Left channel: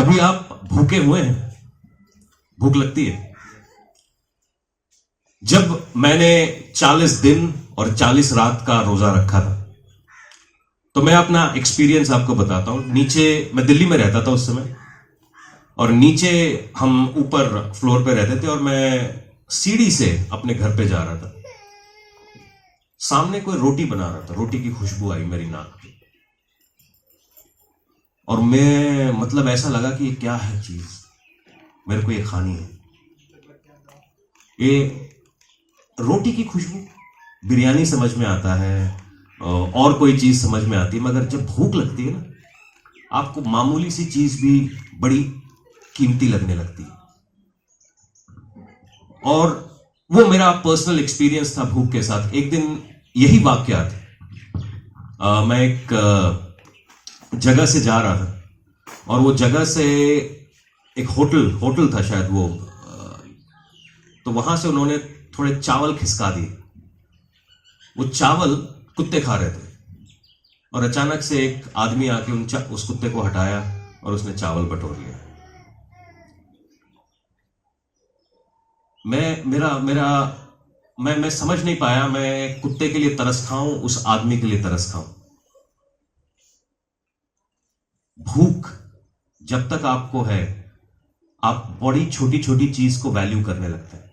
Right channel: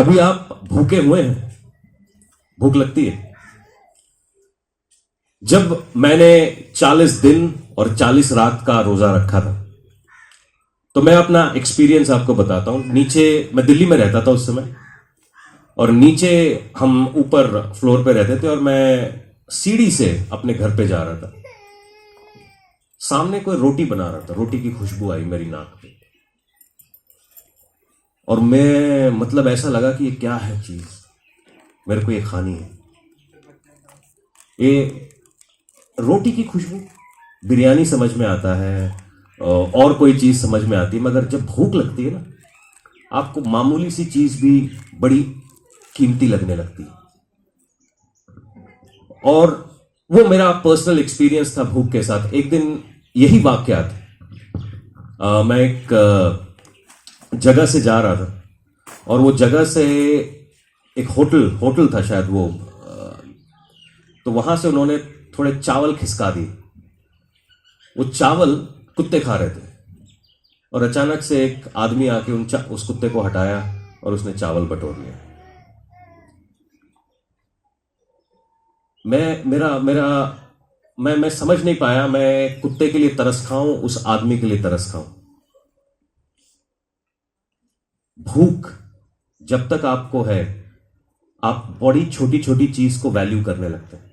कभी आप भूखे हुए हैं? भूख लगती है? जब मैंने 40 दिन और 40 रात का रोजा रखा था, तो मैं अपना एक्सपीरियंस आपको बताता हूं। नीचे मैं दिल्ली में रहता था उस समय, और नीचे हम ऊपर फ्लोर पे रहते थे, और मैं सीढ़ी से अपने घर पे जा रहा था। सामने कोई रोटी बना रहा था, रोटी की खुशबू आई मेरी नाक पे, और मैं मतलब ऐसा लगा कि ये क्या है चीज, मेरे को ये खानी है। ये रोटी की खुशबू, बिरयानी समझ में आता है और कोई चीज समझ में आती है, मगर जब भूख लगती है ना, आपको मामूली सी चीज भी बड़ी कीमती लगने लगती है। और वो मेरा पर्सनल एक्सपीरियंस था भूख के साथ। एक दिन यही वाकयात, मैं एक जगह से जा रहा था, और वो जगह से एक होटल था शायद वो, तो वहां से उन्होंने थोड़े चावल खिसका दिए। वो चावल कुत्ते खा रहे थे, और अचानक से एक आदमी आके उस कुत्ते को हटाया और उसने चावल बटोर लिया। मैं समझ नहीं पाया, मैं कुत्ते के लिए तरस खाऊं, उस आदमी के लिए तरस खाऊं। भूख जब तक आपको है, आप बड़ी छोटी छोटी चीज को वैल्यू करने लगते हैं,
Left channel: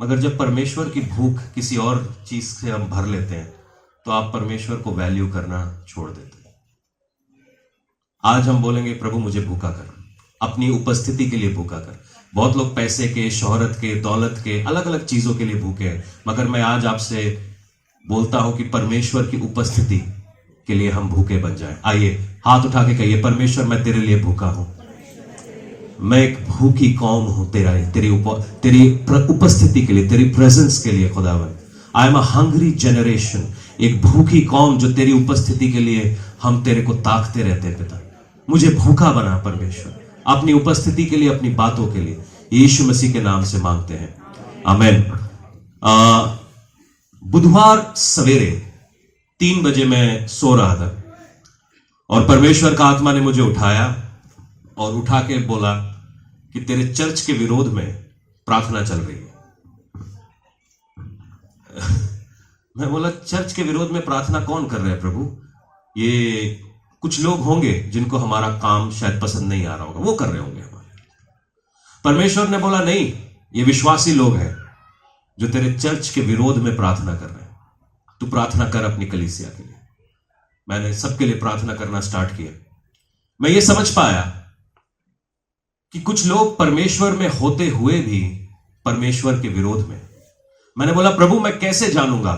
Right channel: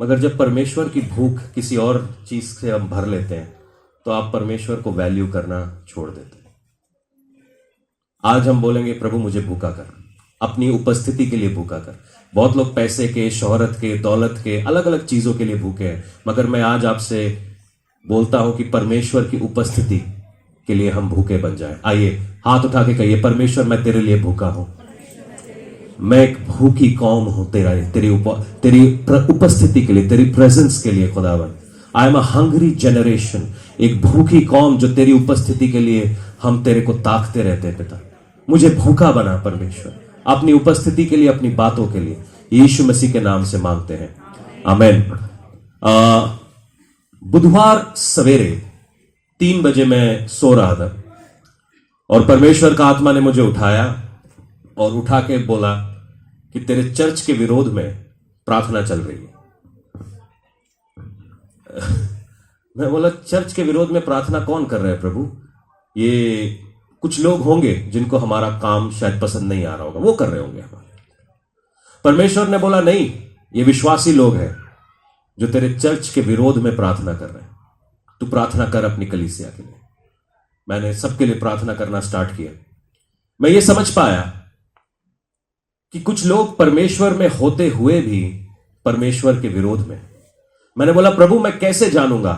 मगर जब परमेश्वर की भूख किसी और चीज से हम भर लेते हैं, तो आप परमेश्वर को वैल्यू करना छोड़ देते हैं। आज हम बोलेंगे, प्रभु मुझे भूखा कर, अपनी उपस्थिति के लिए भूखा कर। बहुत लोग पैसे के, शोहरत के, दौलत के, अलग अलग चीजों के लिए भूखे हैं, मगर मैं आज आपसे बोलता हूं कि परमेश्वर की उपस्थिति के लिए हम भूखे बन जाएं। आइए हाथ उठा के कहिए, परमेश्वर मैं तेरे लिए भूखा हूं, मैं एक भूखी कौम हूं तेरी उपस्थिति के लिए, तेरी प्रेजेंस के लिए। खुदावन, I am a hungry generation, एक भूखी कौम जो तेरी उपस्थिति के लिए हम तेरे को ताकते रहते हैं। पिता, मुझे भूखा बना परमेश्वर, अपनी उपस्थिति के लिए, अपनी बातों के लिए। यीशु मसीह के नाम से मांगते हैं, आमेन। बुधवार सवेरे 3 बजे मैं सो रहा था, और परमेश्वर का आत्मा ने मुझे उठाया और उठा के बोला कि तेरे चर्च के विरोध में प्रार्थना चल रही है। मैं बोला, चर्च के विरोध में प्रार्थना कौन कर रहा है प्रभु? ये कुछ लोग होंगे जिनको हमारा काम शायद पसंद नहीं आ रहा होगा, वो कर रहे होंगे हमारे। परमेश्वर ने बोला, नहीं, ये विश्वासी लोग हैं जो तेरे चर्च के विरोध में प्रार्थना कर रहे हैं। तू प्रार्थना कर अपनी कलीसिया के लिए। मैंने सबके लिए प्रार्थना करना स्टार्ट किया। मैं ये समझ पाया कि कुछ लोग परमेश्वर में होते हुए भी परमेश्वर के विरोध में। मैंने बोला, प्रभु मैं कैसे जानूंगा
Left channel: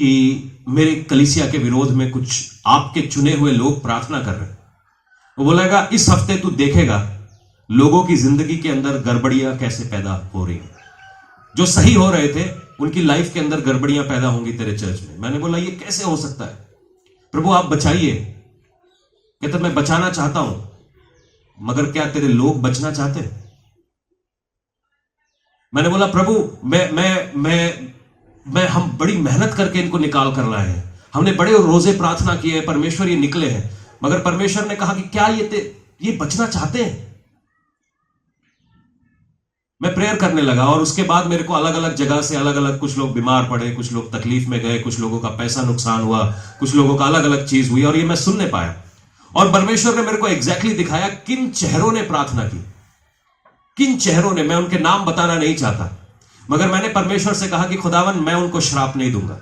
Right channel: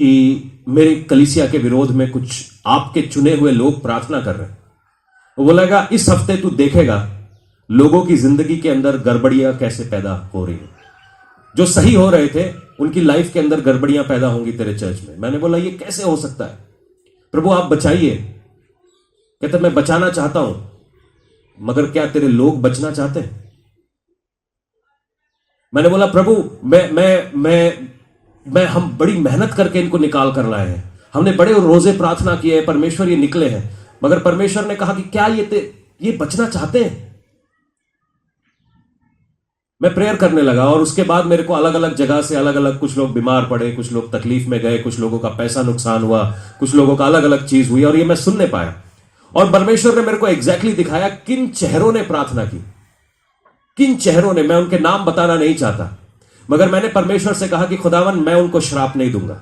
कि मेरी कलीसिया के विरोध में कुछ आपके चुने हुए लोग प्रार्थना कर रहे हैं? वो बोलेगा, इस हफ्ते तू देखेगा लोगों की जिंदगी के अंदर गड़बड़ियां कैसे पैदा हो रही हैं। जो सही हो रहे थे उनकी लाइफ के अंदर गड़बड़ियां पैदा होंगी तेरे चर्च में। मैंने बोला, ये कैसे हो सकता है प्रभु, आप बचाइए। कहता, मैं बचाना चाहता हूं, मगर क्या तेरे लोग बचना चाहते हैं? मैंने बोला, प्रभु मैं हम बड़ी मेहनत करके इनको निकाल कर लाए हैं, हमने बड़े रोजे प्रार्थना किए हैं, परमेश्वर ये निकले हैं। मगर परमेश्वर ने कहा कि क्या ये बचना चाहते हैं? मैं प्रेयर करने लगा, और उसके बाद मेरे को अलग अलग जगह से अलग अलग, कुछ लोग बीमार पड़े, कुछ लोग तकलीफ में गए, कुछ लोगों का पैसा नुकसान हुआ, कुछ लोगों का अलग अलग चीज हुई, और ये मैं सुनने पाया। और परमेश्वर ने मेरे को एग्जैक्टली दिखाया किन चेहरों ने प्रार्थना की, किन चेहरों ने। मैं उनके नाम बताना नहीं चाहता, मगर मैंने परमेश्वर से कहा कि खुदावन, मैं उनको श्राप नहीं दूंगा,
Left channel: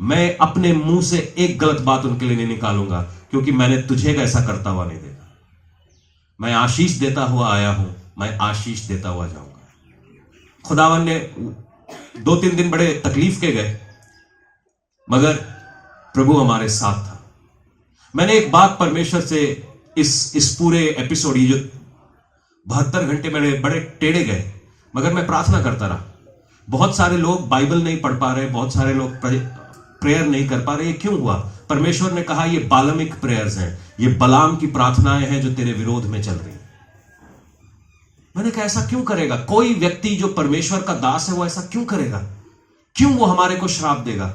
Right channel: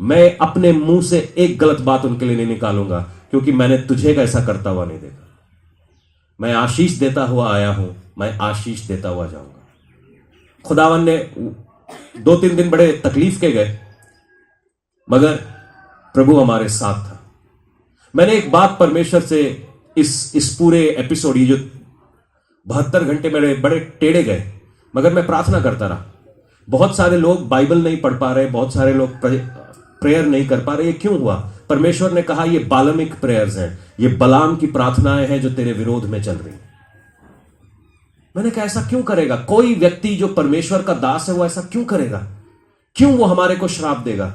मैं अपने मुंह से एक गलत बात उनके लिए नहीं निकालूंगा, क्योंकि मैंने तुझे ऐसा करता हुआ नहीं देखा। मैं आशीष देता हुआ आया हूं, मैं आशीष देता हुआ जाऊंगा। खुदावन ने 2-3 दिन बड़े तकलीफ के गए, मगर प्रभु हमारे साथ था। मैंने एक बात परमेश्वर से इस पूरे एपिसोड, ये जो 72 घंटे मेरे बड़े टेढ़े गए, मगर मैं प्रार्थना करता रहा। बहुत सारे लोग बाइबल नहीं पढ़ पा रहे, बहुत सारे लोग प्रेयर नहीं कर पा रहे। ये क्यों हुआ? परमेश्वर ने कहा, ये बालमिक प्रेयर्स हैं, ये बलाम की प्रार्थनाएं हैं जो तेरे विरोध में चल रही। मैंने कहा, ऐसा क्यों करेगा कोई व्यक्ति जो परमेश्वर का दास है? वो ऐसा क्यों करेगा? क्यों वो हमारे को श्राप देगा?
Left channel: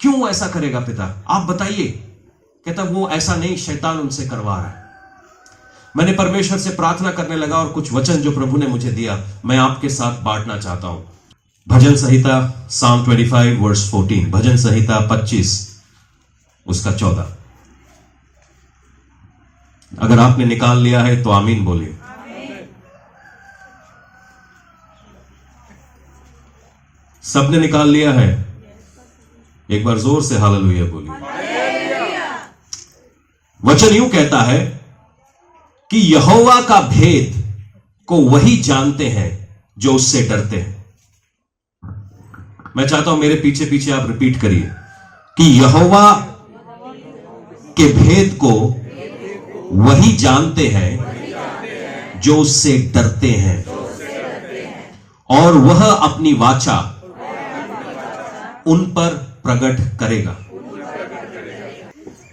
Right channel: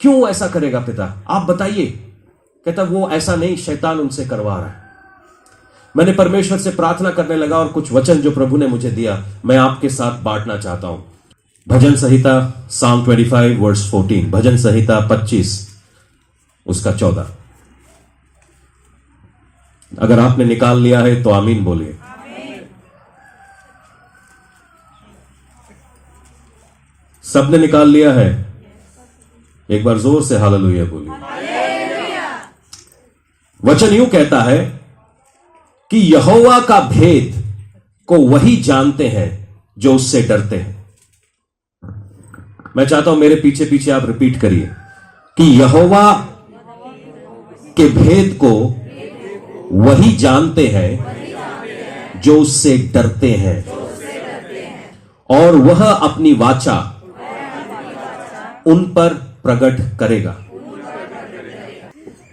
क्यों ऐसा करेगा? पिता आप बताइए। कहता वो ऐसा नहीं, शैतान उनसे करवा रहा है। मैंने परमेश्वर से प्रार्थना करने लगा और कुछ वचन जो प्रभु ने मुझे दिया मैं आपके साथ बांटना चाहता हूं। भजन संहिता Psalm 25 वर्स 14, भजन संहिता 25 उसका 14। अगर आपने निकाल लिया है तो आमीन बोलिए। सबने निकाल लिया है? एक बार जोर से हालेलुया बोलिए। वचन यूं कहता है कि यहोवा का भेद को वही जानते हैं जो उससे डरते हैं। मैं चाहता हूं मेरे पीछे पीछे आप रिपीट करिए कि यहोवा के भेद को वही जानते हैं जो उससे डरते हैं, और वह अपनी वाचा उन पर प्रकट करेगा।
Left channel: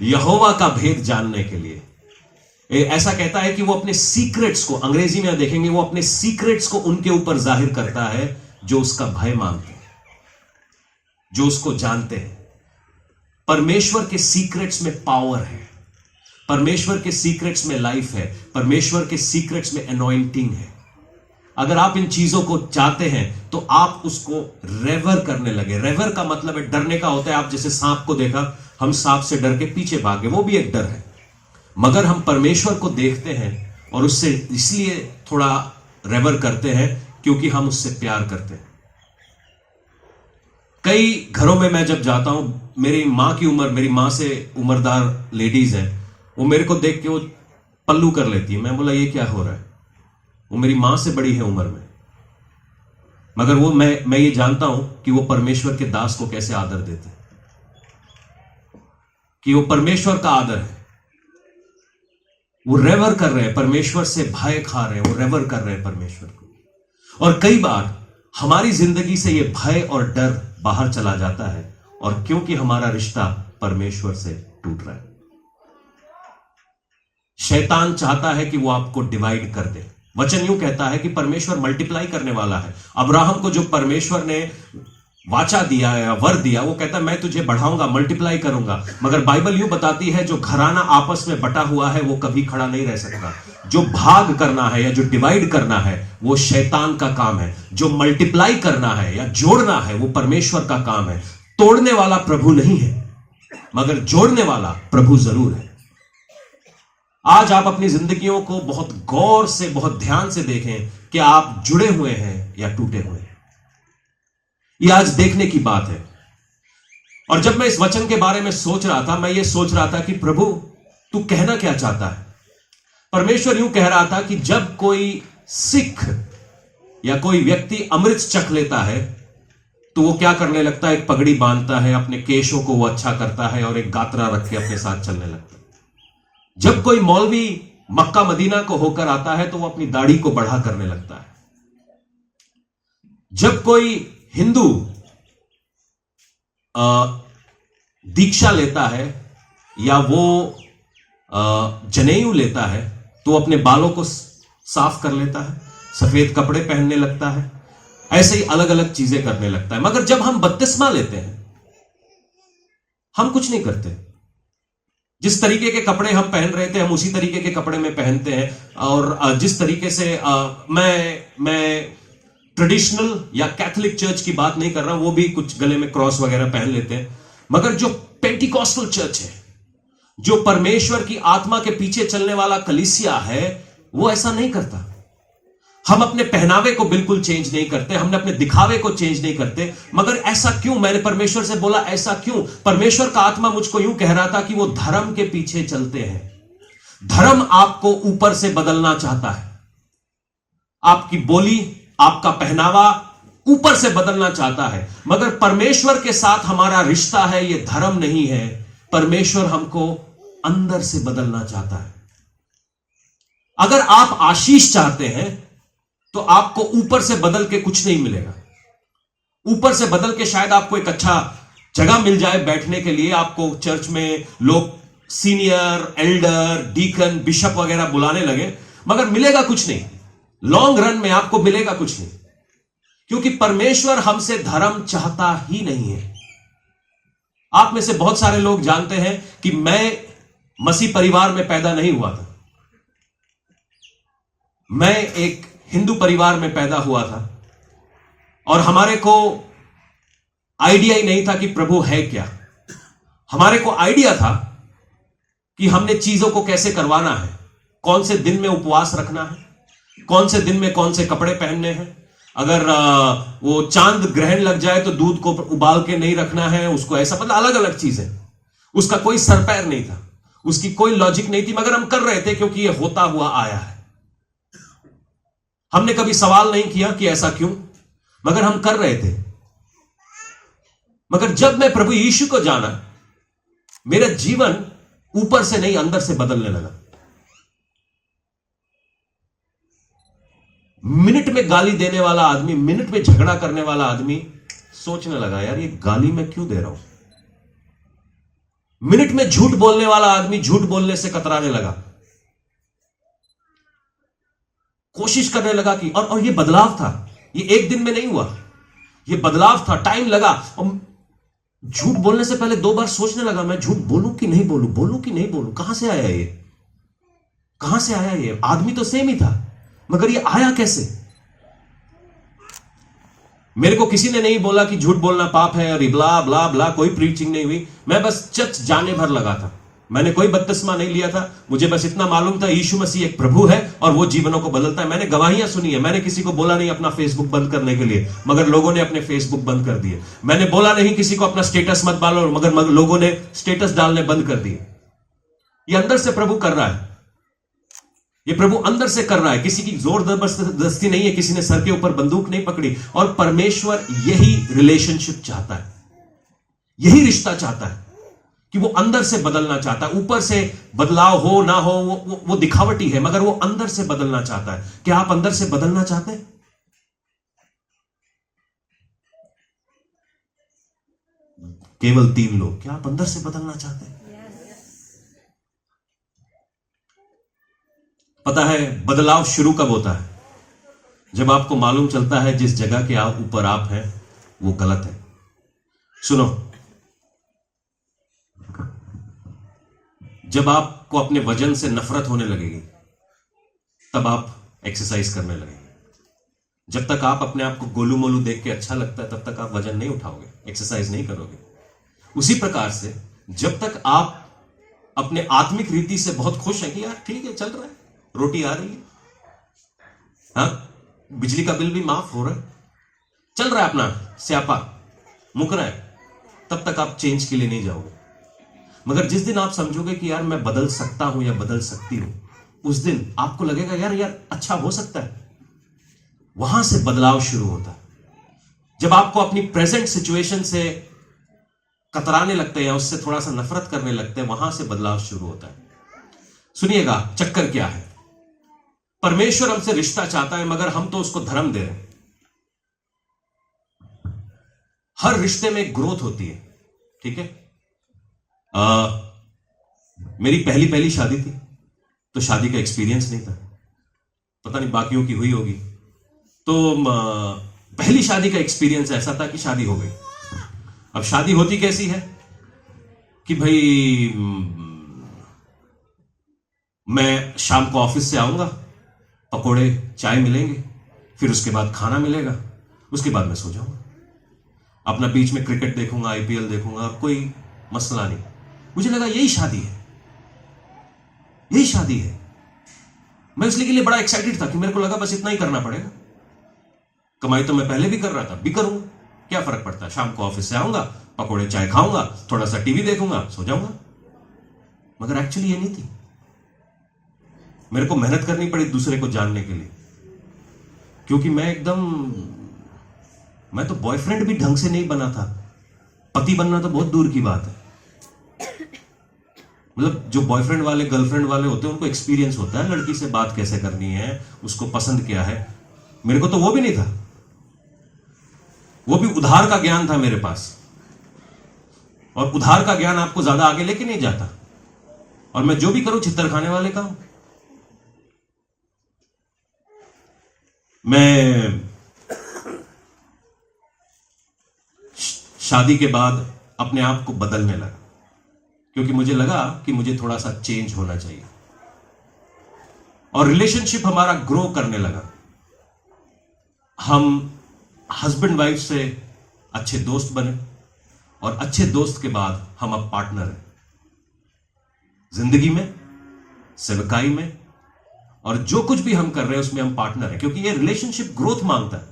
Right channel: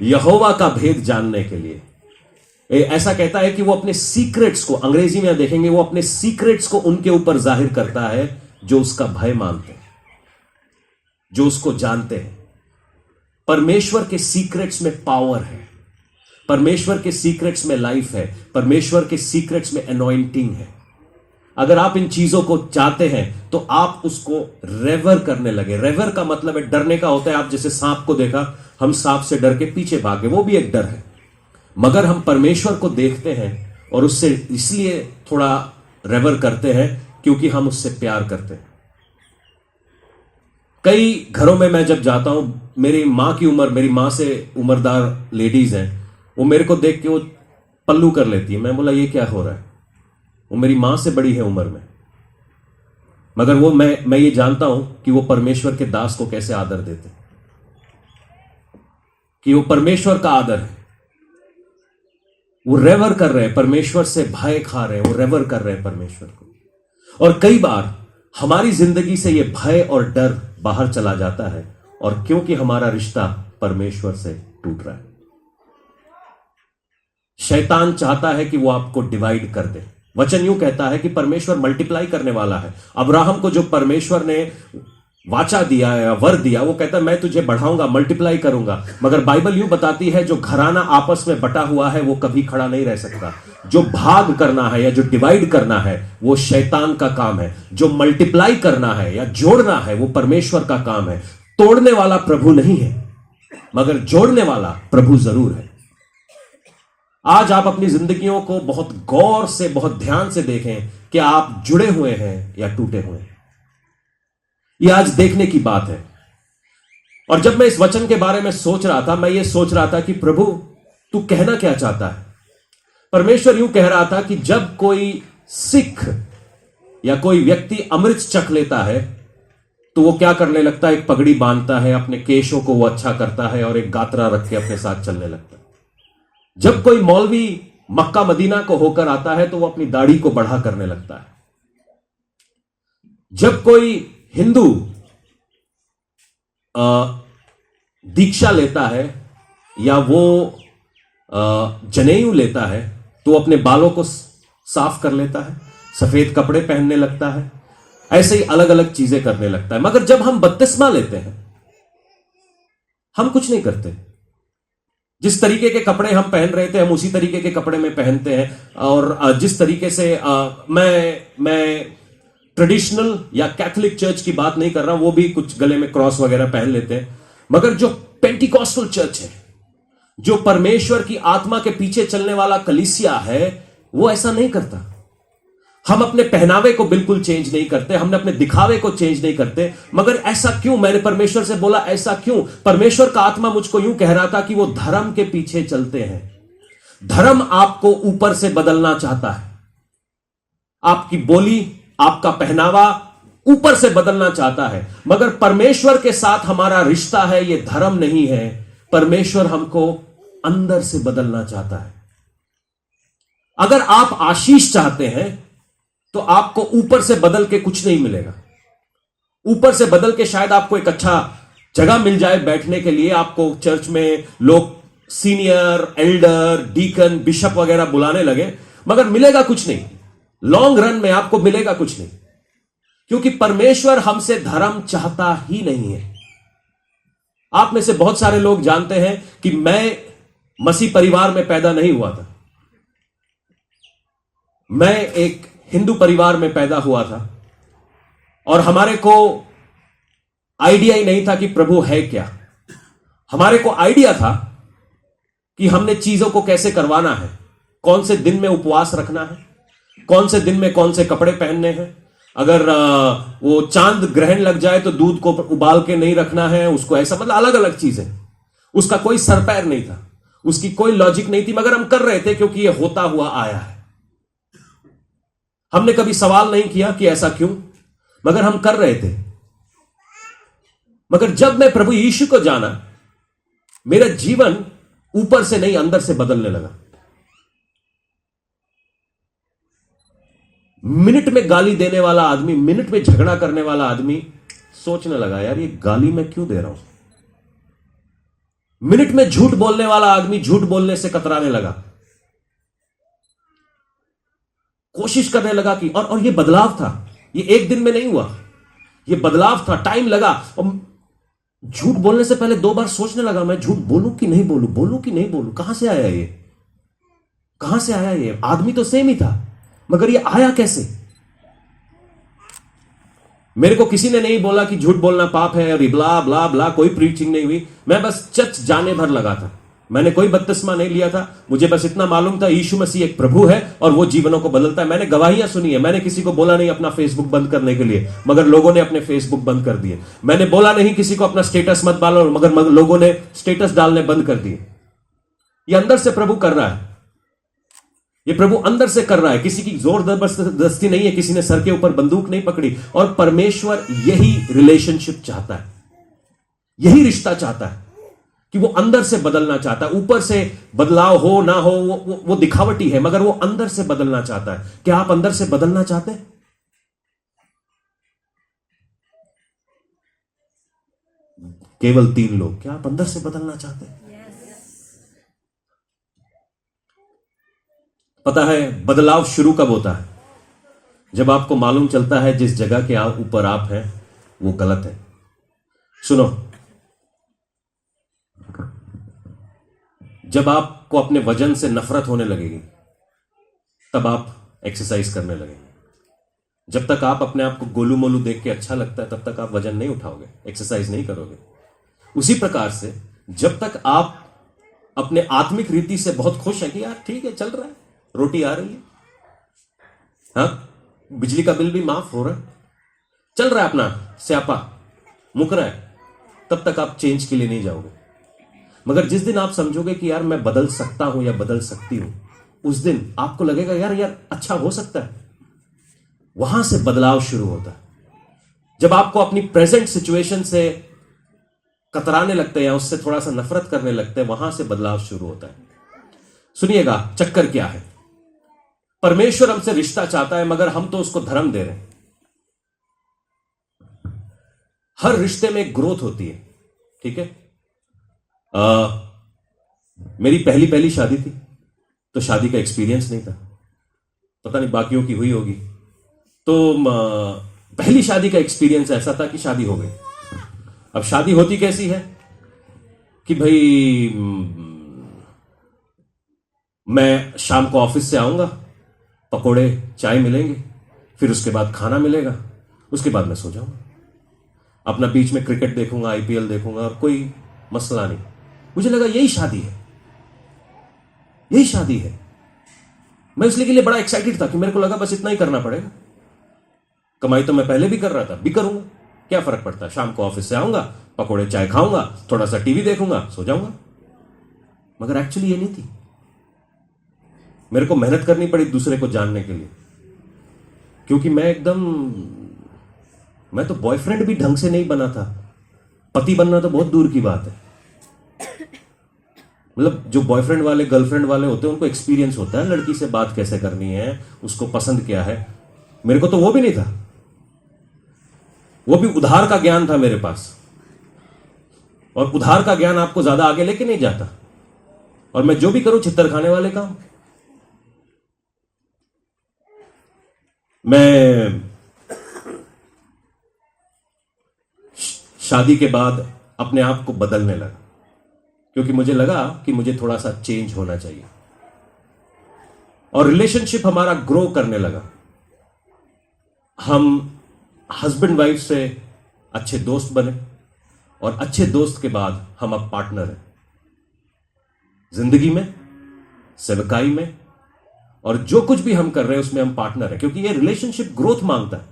यहोवा का भेद जानने के लिए ऐसा कहता है कि वो अपने सीक्रेट्स को, अंग्रेजी में देखेंगे, वो अपने सीक्रेट्स को उनके ऊपर जाहिर करता है जो उसका भय मानते हैं, जो उसको जानते हैं। परमेश्वर के सीक्रेट्स में पावर है, परमेश्वर के सीक्रेट्स में लाइफ है, परमेश्वर के सीक्रेट्स में अनॉइंटिंग है। अगर आप इन चीजों को चाहते हैं तो आप उसको रेवर करने लगे। रेवर का मतलब है डरने का होता है। आप जैसे सांप को देखा, हम सांप से डर के पीछे भागे, वो भी एक डर है। मगर हम परमेश्वर को देखते हैं और उससे इसलिए थोड़ा रेवर करते हैं क्योंकि हम उससे प्यार करते हैं। कई घरों में मैं जब जाता हूं, मेरी मां की उम्र, मेरी मां से उम्रदार लेडीज हैं, वो मेरे को देख के वो पल्लू कर लेती है। मैं बोला ये क्या हो रहा है? वो मेरी मां से बड़ी है उम्र में, मगर वो मैं ये जानता हूं कि वो परमेश्वर के दास को कैसे आदर देते, कि वो परमेश्वर का आदर है। वो रेवर कर रहे हैं, परमेश्वर से भय खा रहे हैं, वो रेवर कर रहे हैं परमेश्वर को। और कई बार हमारी जिंदगी से ये भय और डर बाहर चला जाता है, और क्योंकि हमारा रिश्ता परमेश्वर से टूट रहा है। शैतान चाहता है कि वो आपको डिवाइड कर दे। वचन यूं कहता है कि परमेश्वर मल्टीप्लाई करने वाला है। अब्राहम को जो परमेश्वर ने वाचा दिया या वर दिया, वो कहता है मैं तुझे बढ़ाऊंगा, मल्टीप्लाई करूंगा। मगर बाइबल यूं बताती है जो घराना आपस में बटा हुआ है वो कभी खड़ा नहीं रह सकता। जो भाग करना है या जो डिवाइड करना है वो शैतान का काम है। जो मल्टीप्लाई करना है या जोड़ना है वो परमेश्वर का काम है। तोड़ने वाला प्रभु नहीं है, मगर जोड़ने वाला प्रभु जरूर है। आज आप अपनी जिंदगियों को बहुत गौर से, बहुत ध्यान से देखें कि आप जुड़े हुए हैं या टूटे हुए हैं। यह आज देखने की बात है। और जब मैं इस वचन के बारे में सोच रहा था, मैं ये सोच रहा था कि प्रभु तू कहना क्या चाहता है। परमेश्वर यूं कह रहा था कि जब कोई सिख या कोई व्यक्ति अमृत चख लेता है तो वो क्या करने लगता है? एक पगड़ी बांधता है, अपने केशों को वो अच्छा करता है और एक गातरा रख के अपने साथ चलने लगता है। जब कोई मौलवी मक्का मदीना को होकर आता है तो वो अपनी दाढ़ी को बढ़ा करने लगता है। जब कोई हिंदू दीक्षा लेता है या वो जनेऊ लेता है तो अपने बालों को साफ कर लेता है, सफेद कपड़े पहनने लगता है, ऐसे ही अलग अलग चीजें करने लगता है। मगर जब हम बपतिस्मा लेते हैं हम कुछ नहीं करते। जिस तरीके के कपड़े हम पहन रहे थे हम उसी तरीके के कपड़े में पहनते हैं। और जिस तरीके से मैं ट्रेडिशनल या कैथोलिक चर्च की बात नहीं कर रहा, वो भी कुछ गले में क्रॉस वगैरह पहन लेते हैं। मगर जो पेंटिकॉस्टल चर्च है, जो परमेश्वर की आत्मा के पीछे चलने वाला कलीसिया है, वो ऐसा नहीं करता। हम अपने पहनावे को बिल्कुल चेंज नहीं करते, हमने अपने दिखावे को चेंज नहीं करते। मगर ऐसा क्यों? मैंने परमेश्वर से बोला ऐसा क्यों? परमेश्वर का आत्मा मुझको यूं कह रहा था कि वो धर्म के पीछे चलते हैं। धर्म आपको ऊपर से बदलना चाहता है। आपकी बोली, आपका पहनावा ऊपर से बदलना चाहता है। मगर परमेश्वर के साथ हमारा रिश्ता है, ये धर्म नहीं है। परमेश्वर हमको अंदर से बदलना चाहता है। अगर आप आशीष चाहते हैं तो आपको ऊपर से बदल के कुछ नहीं मिलेगा। ऊपर से बदल के शायद आपको एक अच्छा जगह मिल जाए बैठने के लिए, आपको चर्च में लोग सीनियर, एल्डर, डीकन, बिशप वगैरह बुलाने लगे, मगर मिलेगा कुछ नहीं। लॉन्ग रन में आपको मिलेगा कुछ नहीं, क्योंकि परमेश्वर हमसे धर्म चाहता ही नहीं है। आप में से बहुत सारे लोग जानते हैं कि मैं मसीह परिवार में पैदा नहीं हुआ था। मैं एक हिंदू परिवार में पैदा हुआ था और हमारे को आइडिया ही नहीं था कि प्रभु है क्या। हमारे को आइडिया था कि हमने चीजों को कैसे करवाना है, कौन से दिन में उपवास रखना है, कौन से दिन में कौन से कपड़े पहनने हैं, अगर वो चांद ग्रहण लग जाए तो दूध को उबाल के नहीं रखना है, उसको ऐसा, मतलब अलग अलग चीजें। उसका कोई सर पैर नहीं था, उसकी कोई लॉजिक नहीं थी, मगर हम कर रहे थे क्योंकि ये होता हुआ आया है। हमने कभी सवाल नहीं किया कि ऐसा क्यों, मगर हम कर रहे थे। मगर जब मैं प्रभु यीशु को जाना, मेरा जीवन ऊपर से नहीं अंदर से बदलने लगा। मिनट में गाली देने वाला आदमी, मिनट में झगड़ा करने वाला आदमी सोचने लगा, यार ये गाली मैं क्यों दे रहा हूं। मिनट में झूठ बोलने वाला आदमी झूठ बोलने से कतराने लगा, कोशिश करने लगा कि और ये बदलाव था, ये एक दिन में नहीं हुआ, ये बदलाव था, टाइम लगा। और झूठ बोलने से पहले 2 बार सोचने लगा, मैं झूठ बोलूं कि नहीं बोलूं, बोलूं कि नहीं बोलूं, कहां से आया ये, कहां से आया ये। आदमी तो सेम ही था, मगर ये आया कैसे। मेरे को किसी ने नहीं बोला कि झूठ बोलना पाप है और ब्ला ब्ला ब्ला, कोई प्रीचिंग नहीं हुई। मैं बस चर्च जाने भर लगा था, मैंने कोई बपतिस्मा नहीं लिया था। मुझे बस इतना मालूम था यीशु मसीह एक प्रभु है और वो जीवनों को बदलता है। मैंने गवाहियां सुनी है, मैंने किसी को बोला नहीं अपना फेसबुक बंद करने के लिए, मगर लोगों ने अपने फेसबुक बंद कर दिए। मैंने बोला नहीं किसी को अपना स्टेटस मत डालो, मगर लोगों ने स्टेटस डालने बंद कर दिए। ये अंदर से प्रभु कर रहा है, ये प्रभु अंदर से कर रहा है, किसी की जोर जबरदस्ती नहीं है, किसी ने सर के ऊपर बंदूक नहीं पकड़ी। और परमेश्वर यही रिलेशनशिप चाहता है, यही रिश्ता चाहता है कि वो अंदर से बदलना चाहता है। ऊपर से बदलाव हो ना हो वो दिखावटी है, मगर वो अंदर से बदलना चाहता है। क्या आप अंदर से बदलना चाहते हैं? केवल 3 लोग, क्या आप अंदर से बदलना चाहते हैं? पता है बदलाव शुरू कब होता है? जब आपको मालूम चलता है जिस जगह के ऊपर आप हैं वो गलत है। सुनो, जब आपको अपने वजन से नफरत होने लगेगी तब आप एक्सरसाइज करने लगेंगे। जब तक आप अपने आप को गोलू मोलू देख के अच्छा लगता है तब तक आप वजन नहीं उठाओगे, एक्सरसाइज नहीं करोगे। उसी प्रकार से जब तक आप अपने आत्मिक रीति से बहुत खुश हैं कि यार ठीक है, चल रहा है, रोटी आ रही है, हाँ, बिजली का बिल भी माफ हो रहा है, चल रहा है, अपना स्यापा मुक रहा है, तब तक आप चेंज के लिए नहीं जाओगे। मगर जिस दिन आप समझोगे कि यार मैं बदल सकता हूं या बदल सकती हूं, उस दिन आपको लगेगा यार अच्छा हो सकता है। वहां से बदलाव शुरू होता है। जब आपको अपनी प्रेजेंट सिचुएशन से कतराने लगते हैं या उससे थोड़ा सा नफरत करने लगते हैं, वहां से बदलाव शुरू होता है। सुनिएगा चक्कर क्या है। परमेश्वर हमसे रिश्ता चाहता है, मगर हम तो उसको धर्म दे रहे हैं। हर रिश्ते में ग्रोथ होती है, ठीक है। मेरी पहली शादी थी तो शादी का एक्सपीरियंस नहीं था, पता नहीं बाकियों की हुई होगी। तो पहली शादी का एक्सपीरियंस ऐसा था कि शादी हो गई। अब शादी होती कैसी है कि भाई मैं शाम को ऑफिस से आऊंगा, पकोड़े चाय मिलेंगे, फिर उसके बाद खाना मिलेगा, उसके बाद मैं सो जाऊंगा, अपना बीच में क्रिकेट देखूंगा, आईपीएल देखूंगा, और कोई मसला नहीं। मुझे लगा यही शादी है, यही शादी है। मैं इसलिए के लिए बड़ा एक्साइटेड था कि मेरे को लगा बस इतना ही करना पड़ेगा। कमाई तो मैं पहले भी कर रहा था, भी करूंगा, क्या फर्क पड़ता है। शाम को ऑफिस से आऊंगा, पकोड़े चाय खाऊंगा, थोड़ा सा टीवी देखूंगा, सो जाऊंगा। मगर एक्चुअली ये नहीं थी। मेरे को मेहनत करनी पड़ी दूसरे को जानने के लिए, क्योंकि मैं तो बॉयफ्रेंड भी ढंग से नहीं बना था। पति बनना तो बहुत दूर की बात है। मतलब जो बॉयफ्रेंड वाले गर्लफ्रेंड वाले होते हैं उनको एक्सपीरियंस होता है लड़की से बात कैसे करनी है, उसको पसंद क्या है। मेरे को तो वो भी नहीं था, वो भी उधार का ज्ञान था मेरे पास, और उधार का ज्ञान आपको ज्यादा आगे लेके नहीं जाता। और मैं जो भी करूं छित्तर खाने वाले काम। मैं शादी के बाद अपने आप को बदलने लगा। क्योंकि मुझे लगा कि मुझे थोड़ा सा चेंज होना चाहिए, और रिलेशनशिप हमारा ग्रो करने लगा। हम हस्बैंड वाइफ से अच्छे दोस्त बने, और अच्छे दोस्त के बाद हम अब पार्टनर हैं, जिंदगी में, सेवकाई में, और जो कुछ भी हम कर रहे हैं उसमें हम पार्टनर हैं, क्योंकि ये रिलेशनशिप ग्रोथ मांगता है।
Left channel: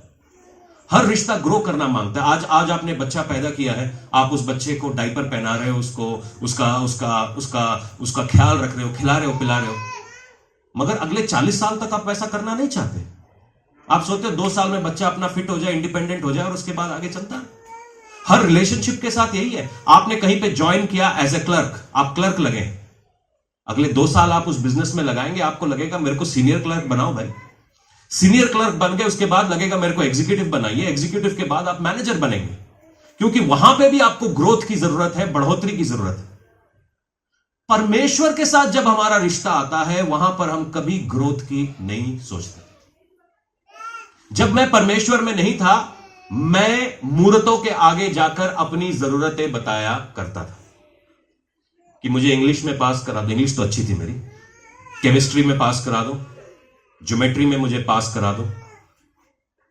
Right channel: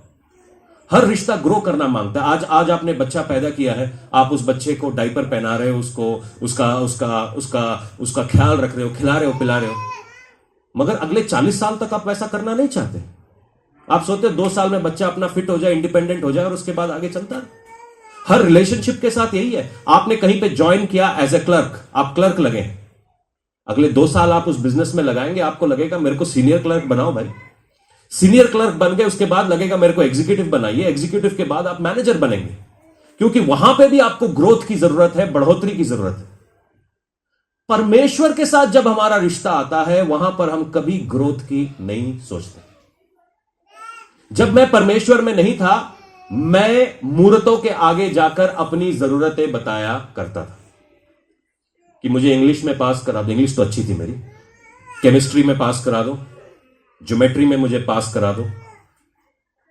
हर रिश्ता ग्रो करना मांगता है। आज आपने बच्चा पैदा किया है, आप उस बच्चे को डायपर पहना रहे हो, उसको उसका उसका उसका उसका ख्याल रख रहे हो, खिला रहे हो, पिला रहे हो, मगर अगले 40 साल तक आप वैसा करना नहीं चाहते। आप सोचते हो 2 साल में बच्चा अपना फिट हो जाए, इंडिपेंडेंट हो जाए, और उसके बाद आगे चलता है। हर रिलेशनशिप के साथ यही है। आपने कहीं पे ज्वाइन किया एज ए क्लर्क, आप क्लर्क लगे, अगले 2 साल आप उस बिजनेस में लगाएंगे, आपको लगेगा मेरे को सीनियर क्लर्क बनाओ भाई। सीनियर क्लर्क बन गए, उसके बाद लगेगा मेरे को एग्जीक्यूटिव बनाइए, एग्जीक्यूटिव के बाद आप मैनेजर बनेंगे, क्योंकि वहां पे भी आपको ग्रोथ की जरूरत है, बढ़ोतरी की जरूरत है। परमेश्वर के साथ जब हमारा रिश्ता आता है, वहां पर हम कभी ग्रोथ की नहीं सोचते। जब मैं परमेश्वर में नहीं था, मैं मूर्तों के आगे जाकर अपनी जरूरतें बताया करता था कि मुझे इंग्लिश में पास करा दो, इंग्लिश तो अच्छी थी मेरी, केमिस्ट्री में पास करा दो, ज्योमेट्री में मुझे पास करा दो,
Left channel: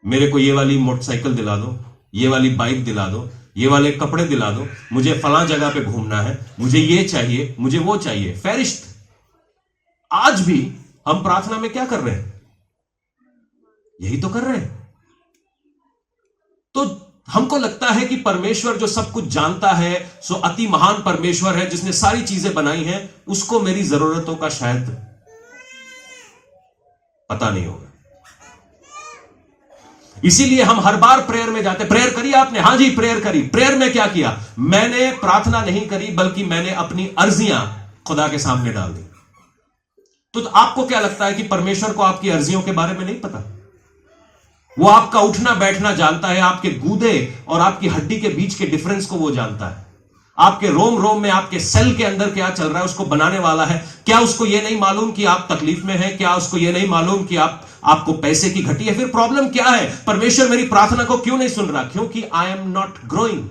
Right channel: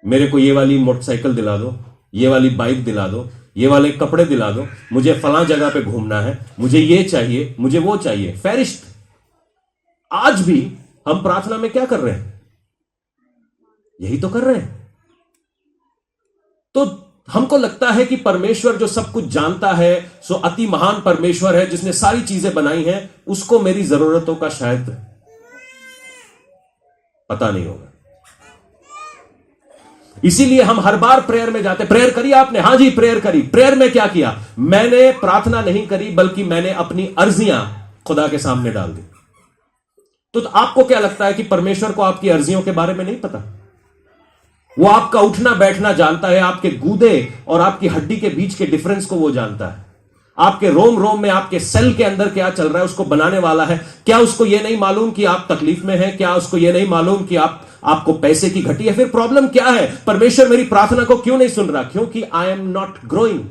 मेरे को ये वाली मोटरसाइकिल दिला दो, ये वाली बाइक दिला दो, ये वाले कपड़े दिला दो, मुझे फलां जगह पे घूमना है, मुझे ये चाहिए, मुझे वो चाहिए, फहरिस्त। आज भी हम प्रार्थना में क्या कर रहे हैं? यही तो कर रहे हैं। तो हमको लगता है कि परमेश्वर जो सब कुछ जानता है, सो अति महान परमेश्वर है जिसने सारी चीजें बनाई हैं, उसको मेरी जरूरतों का शायद पता नहीं होगा। इसीलिए हम हर बार प्रेयर में जाते। प्रेयर करी आपने? हां जी, प्रेयर करी। प्रेयर में क्या किया? मैंने प्रार्थना नहीं करी, बल्कि मैंने अपनी अर्जियां खुदा के सामने डाल दी। तो आपको क्या लगता है कि परमेश्वर को आपकी अर्जियों के बारे में नहीं पता? वो आपका उठना बैठना जानता है, आपके गूदे और आपकी हड्डी के बीच के डिफरेंस को वो जानता है, आपके रोम रोम में, आपके सेल के अंदर क्या चल रहा है उसको बनाने वाला है। क्या उसको यह नहीं मालूम कि आप तकलीफ में हैं? क्या उसको यह नहीं मालूम कि आपको पैसे की घटी है? फिर प्रॉब्लम क्या है? परमेश्वर मेरी प्रार्थना को क्यों नहीं सुन रहा? क्योंकि आई एम नॉट ग्रोइंग।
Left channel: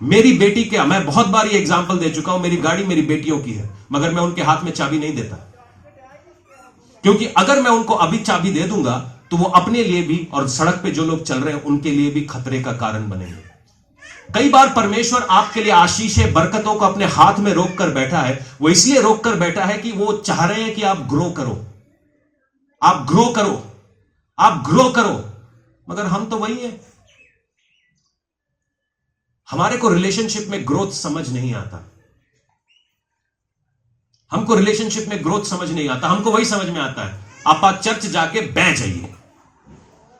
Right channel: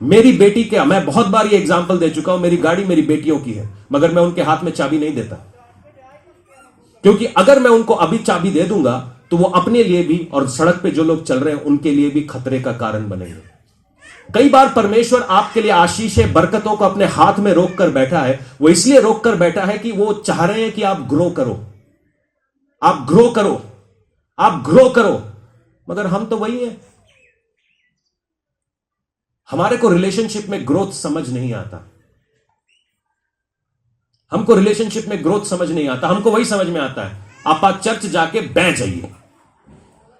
मेरी बेटी क्या, मैं बहुत बार ये एग्जांपल दे चुका हूं, मेरी गाड़ी मेरी बेटियों की है, मगर मैं उनके हाथ में चाबी नहीं देता, क्योंकि अगर मैं उनको अभी चाबी दे दूंगा तो वो अपने लिए भी और सड़क पे जो लोग चल रहे हैं उनके लिए भी खतरे का कारण बनेंगे। कई बार परमेश्वर आपके लिए आशीषें, बरकतों को अपने हाथ में रोक कर बैठा है। वो इसलिए रोक कर बैठा है कि वो चाह रहे हैं कि आप ग्रो करो, आप ग्रो करो, आप ग्रो करो। मगर हम तो वही हैं, हमारे को रिलेशनशिप में ग्रोथ समझ नहीं आता। हमको रिलेशनशिप में ग्रोथ समझ नहीं आता। हमको वही समझ में आता है, आप चर्च जाके बह जाइए,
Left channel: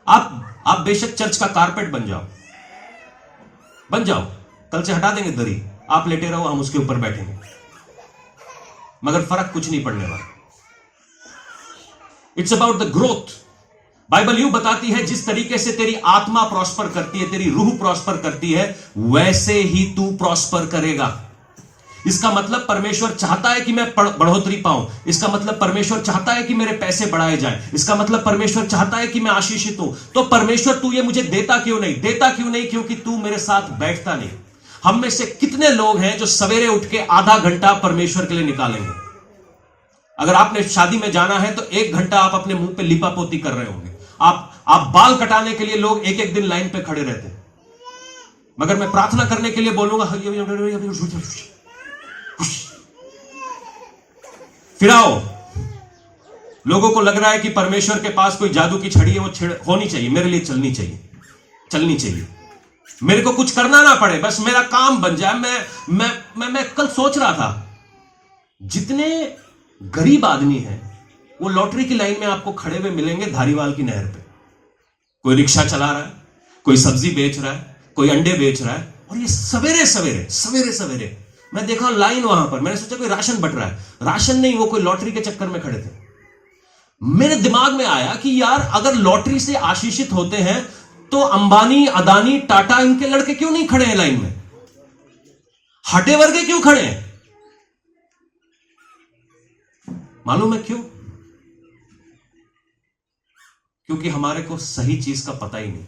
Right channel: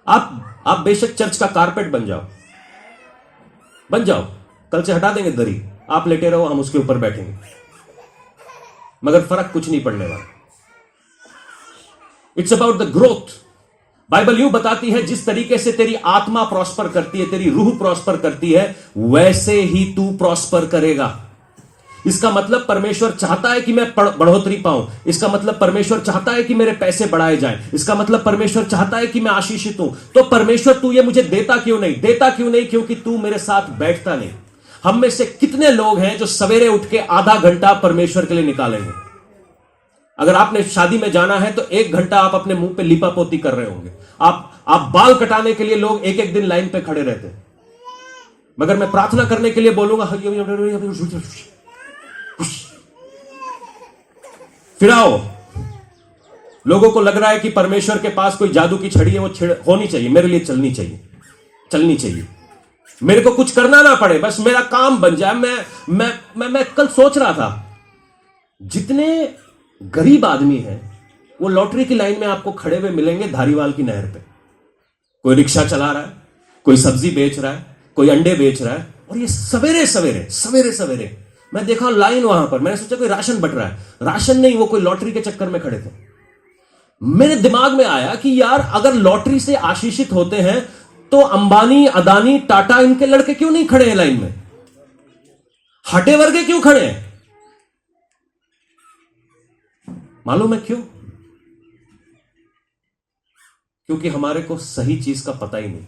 आप बेशक चर्च का कारपेट बन जाओ, कल से हटा देंगे दरी, आप लेटे रहो, हम उसके ऊपर बैठेंगे, मगर फर्क कुछ नहीं पड़ने वाला। It's about the growth. Bible यूं बताती है, जिस तरीके से तेरी आत्मा प्रॉस्पर करती है, तेरी रूह प्रॉस्पर करती है, वैसे ही तू प्रॉस्पर करेगा। इसका मतलब परमेश्वर चाहता है कि मैं बढ़ोतरी पाऊं। इसका मतलब परमेश्वर चाहता है कि मेरे पैसे बढ़ाए जाएं। इसका मतलब परमेश्वर चाहता है कि मैं आशीषित हूं। तो परमेश्वर तू ये मुझे देता क्यों नहीं? देता क्यों नहीं? क्योंकि तू मेरे साथ बैठता नहीं। हम में से कितने लोग हैं जो सवेरे उठ के आधा घंटा परमेश्वर के लिए निकालेंगे? अगर आपने शादी में जाना है तो 1 घंटा आप अपने मुंह पे लिपापोती कर रहे होंगे। आप बाल कटाने के लिए लोग एक एक दिन लाइन पे खड़े रहते हैं, मगर मैं प्रार्थना करने के लिए बोलूंगा, फिराओ। लोगों को लग रहा है कि परमेश्वर के पास कोई जादू की छड़ी है, वो होनी चाहिए, मेरे लिए चलनी चाहिए, मेरे को कुछ करना ना पड़े, बस मेरा काम बन जाए। मैं कल सोच रहा था, जितने गरीब आदमी हैं वो लॉटरी की लाइन में आपको खड़े हुए मिलेंगे धारीवाल की नहर पे। कोई रिक्शा चला रहा है, कोई सब्जी बेच रहा है, कोई अंडे बेच रहा है, और ये सवेरे सवेरे मैं देखा लाइन वहां पर। मैंने सोचा कोई राशन बट रहा है, राशन नहीं, वो कोई लॉटरी के चक्कर में खड़े थे। मेरे दिमाग में आया कि यार, अगर लॉटरी से आशीषित होते हैं तो अंबानी, अदानी, टाटा, इनके लड़के क्यों नहीं खड़े हैं लाइन में? हटे वर्गे क्यों खड़े हैं? मालूम है क्यों? क्योंकि हमारे को सही चीज का पता ही नहीं